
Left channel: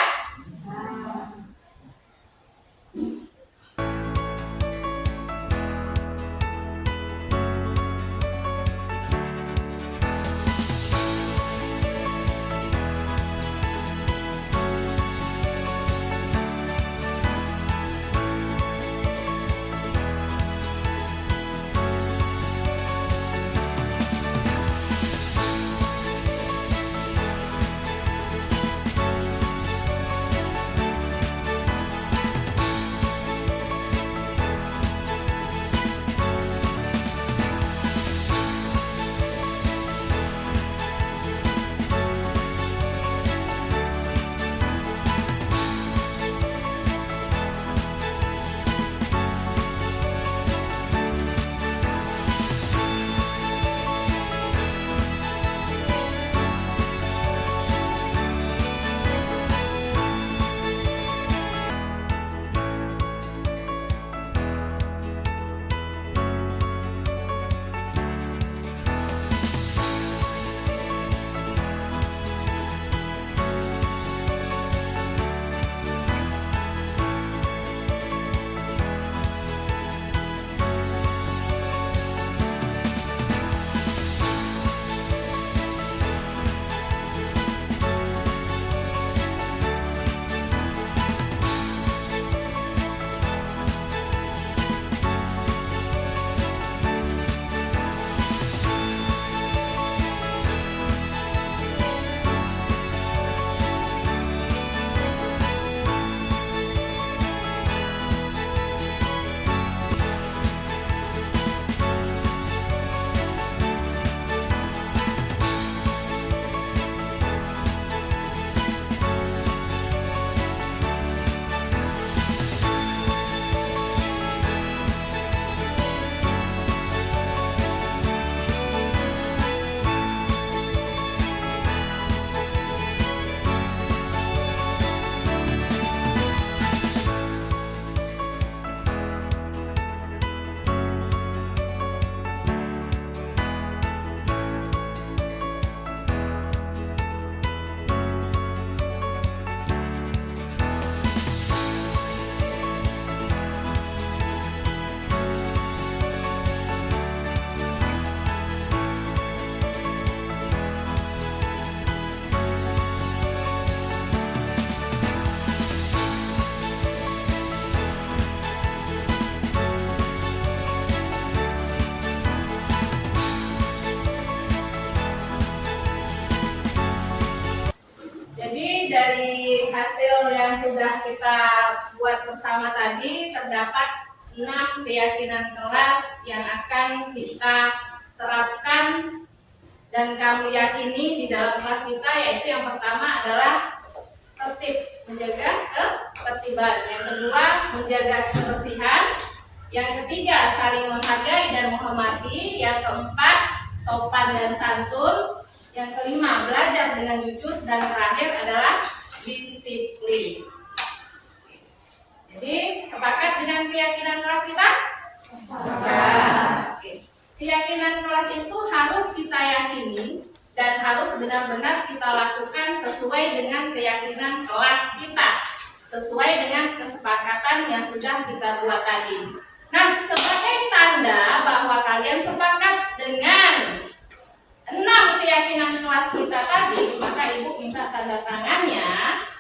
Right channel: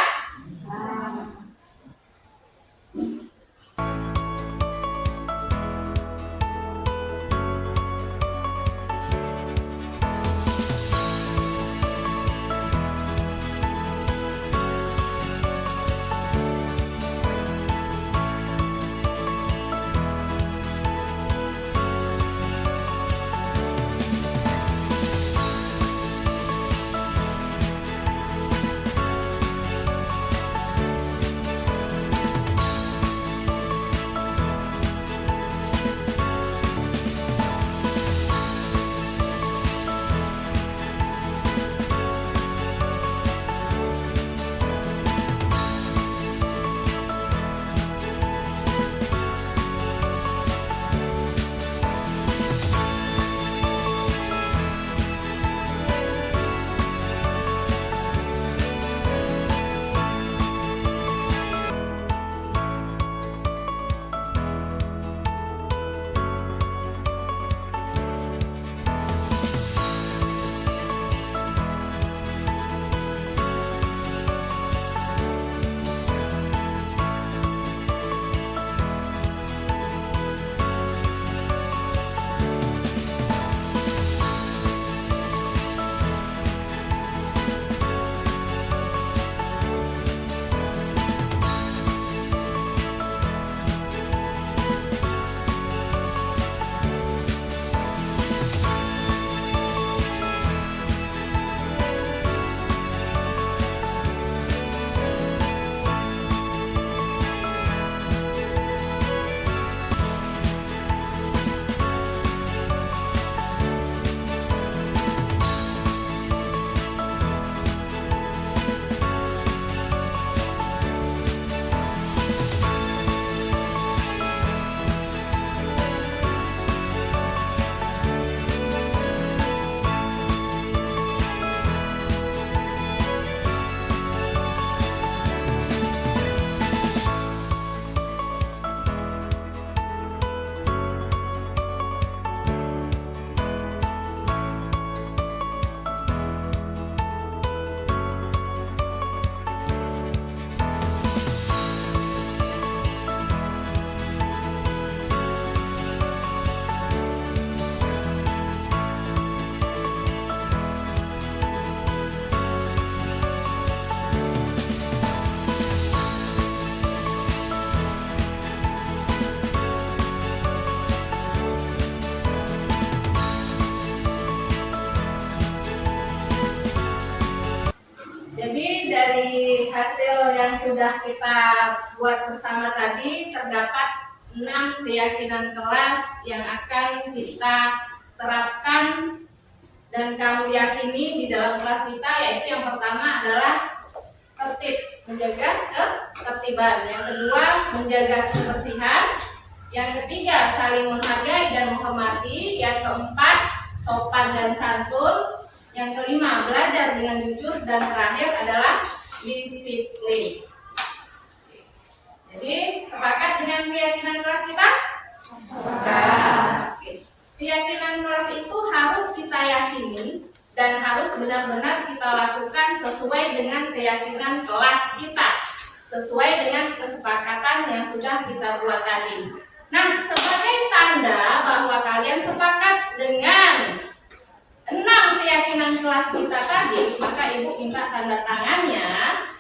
dari hasil yang sudah kita buat bersama tadi terdapat 6 keyakinan kelas yang akan kita terapkan dan kamu yakini di dalam kelas kita, yaitu yang pertama adalah tertib, menjaga ketertiban. Yang kedua, menjaga kebersihan. Yang ketiga, saling menghargai dan menghormati. Yang keempat, sopan dan santun. Yang kelima, belajar dengan jujur. Dan terakhir adalah disiplin. Jadi, sepakat dengan keyakinan kelas kita? Sepakat. Keyakinan kelas itu harus kita yakini dan harus benar-benar kita lakukan sesuai dengan keyakinan kelas kita, sesuai dengan kesepakatan yang sudah kita buat tadi. Nah, sebagai tanda bahwa kalian sepakat dengan 6 keyakinan kelas kita tadi, maka Ibu minta tanda tangannya.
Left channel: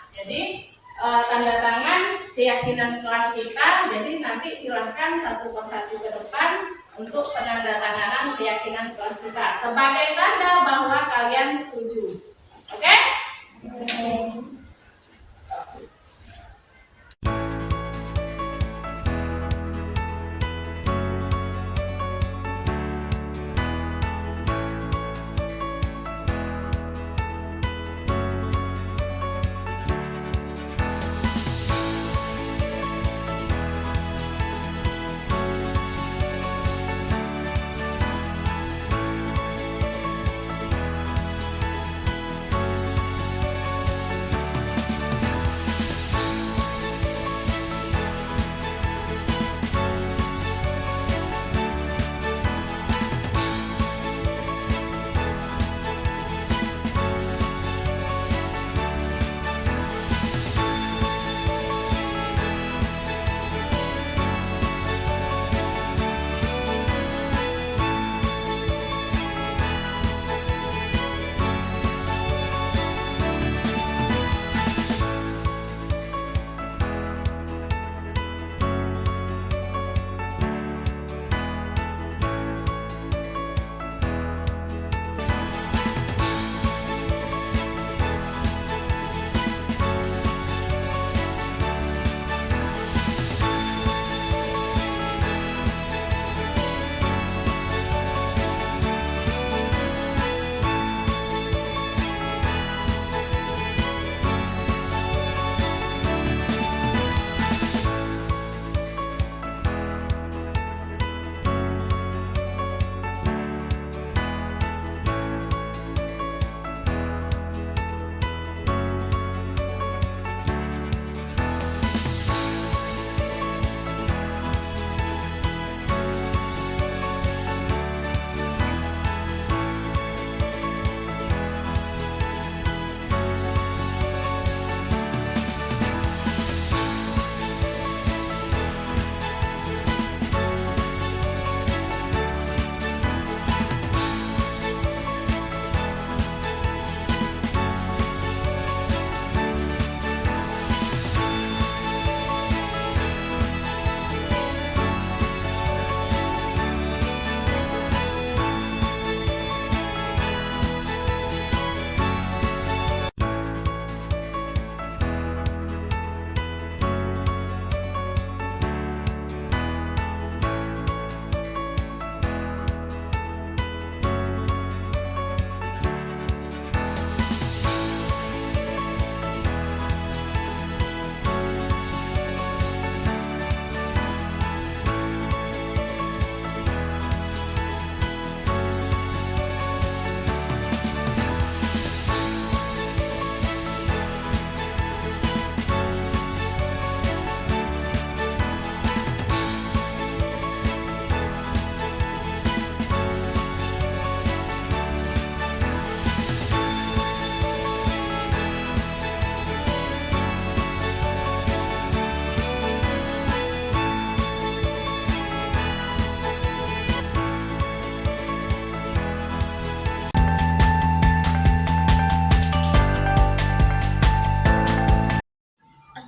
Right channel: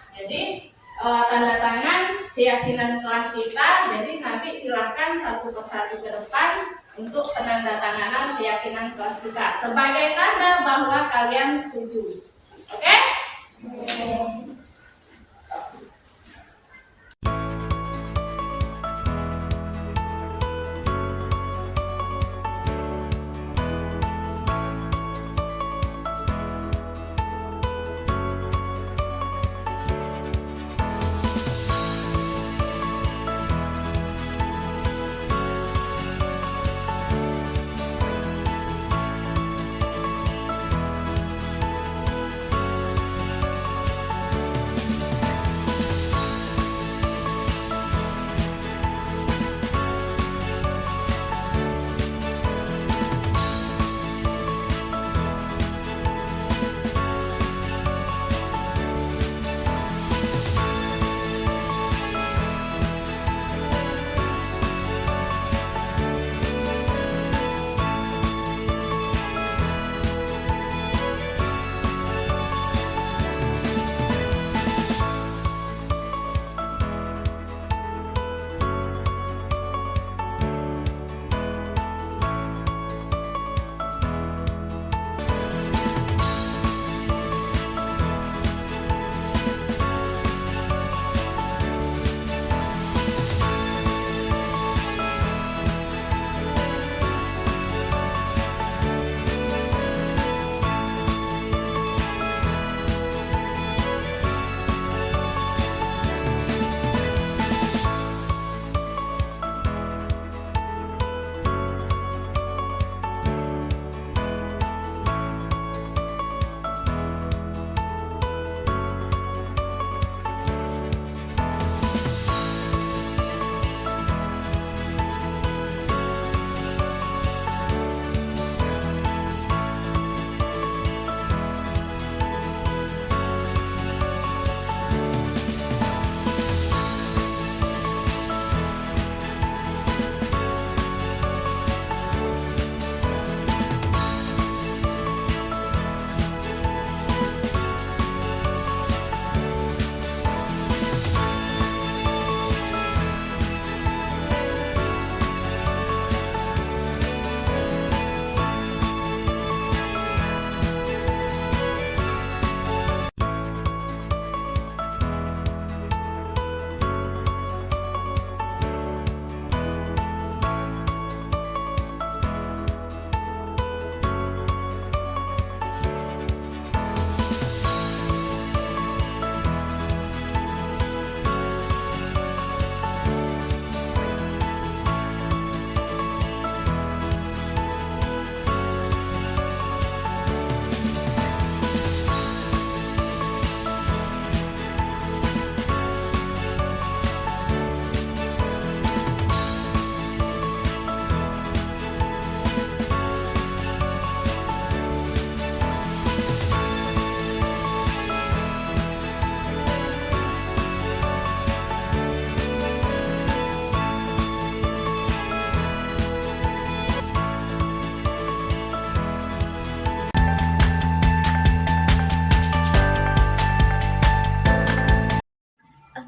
Jadi tanda tangan keyakinan kelas kita. Jadi nanti silahkan satu persatu ke depan untuk penandatanganan keyakinan kelas kita sebagai tanda bahwa kalian setuju. Oke?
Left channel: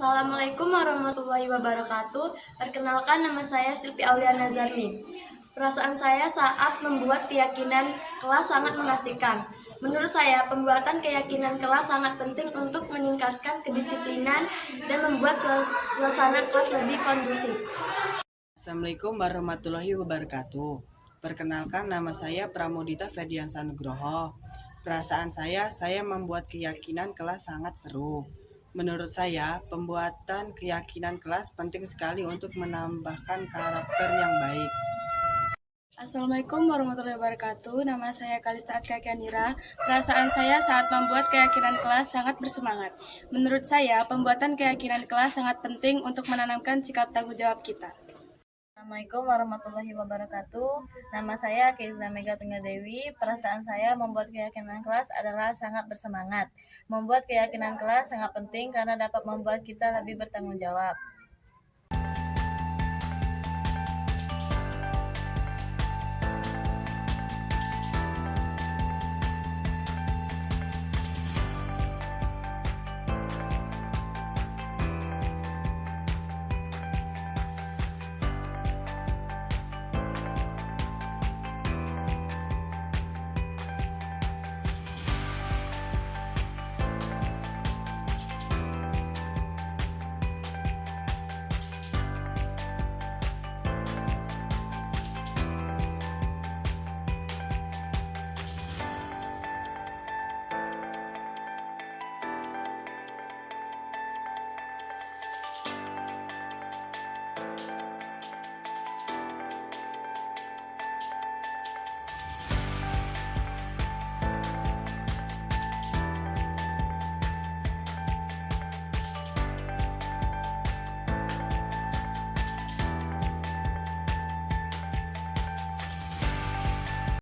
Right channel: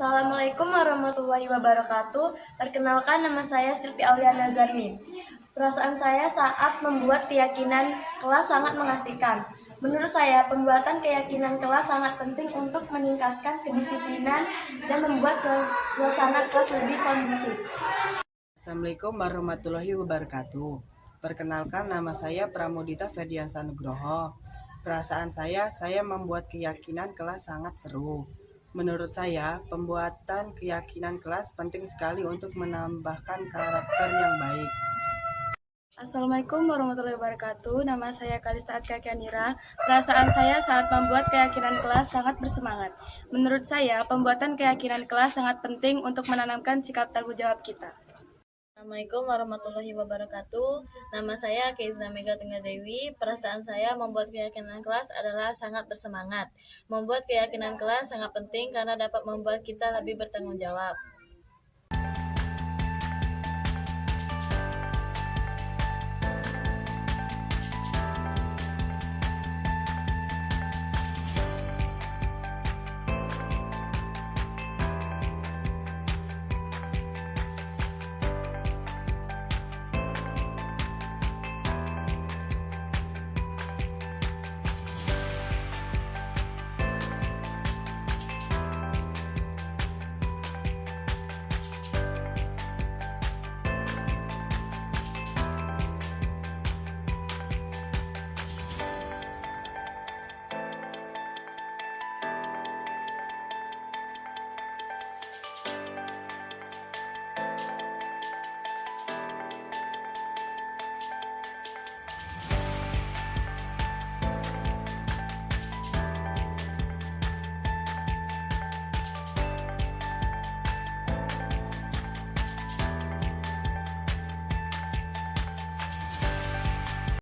Assalamualaikum warahmatullahi wabarakatuh. Perkenalkan, nama saya Silvi Auliana Zarmi. Perasaan saya saat membuat keyakinan kelas sangat mengasihkan. Menurut saya, pembuatan keyakinan kelas sangat penting untuk meningkatkan kedisiplinan dan membuat suasana kelas lebih kondusif. Assalamualaikum warahmatullahi wabarakatuh. Perkenalkan, nama saya Pramudita Ferdiansa Nugroho. Perasaan saya membuat keyakinan kelas sangat seru. Menurut saya, pembuatan keyakinan kelas penting sekali untuk menambahkan karakter yang baik. Assalamualaikum warahmatullahi wabarakatuh. Nama saya Kalista Aska Kianira. Perasaan saya saat membuat keyakinan kelas sangat bersemangat. Menurut saya, pembuatan keyakinan kelas sangat penting untuk menanamkan sikap tanggung jawab kita. Assalamualaikum warahmatullahi wabarakatuh. Nama saya Keiza Mega Tunggadewi. Perasaan saya membuat keyakinan kelas adalah sangat bersemangat. Membuat keyakinan kelas sangat penting karena dapat membuat kita lebih bertanggung jawab.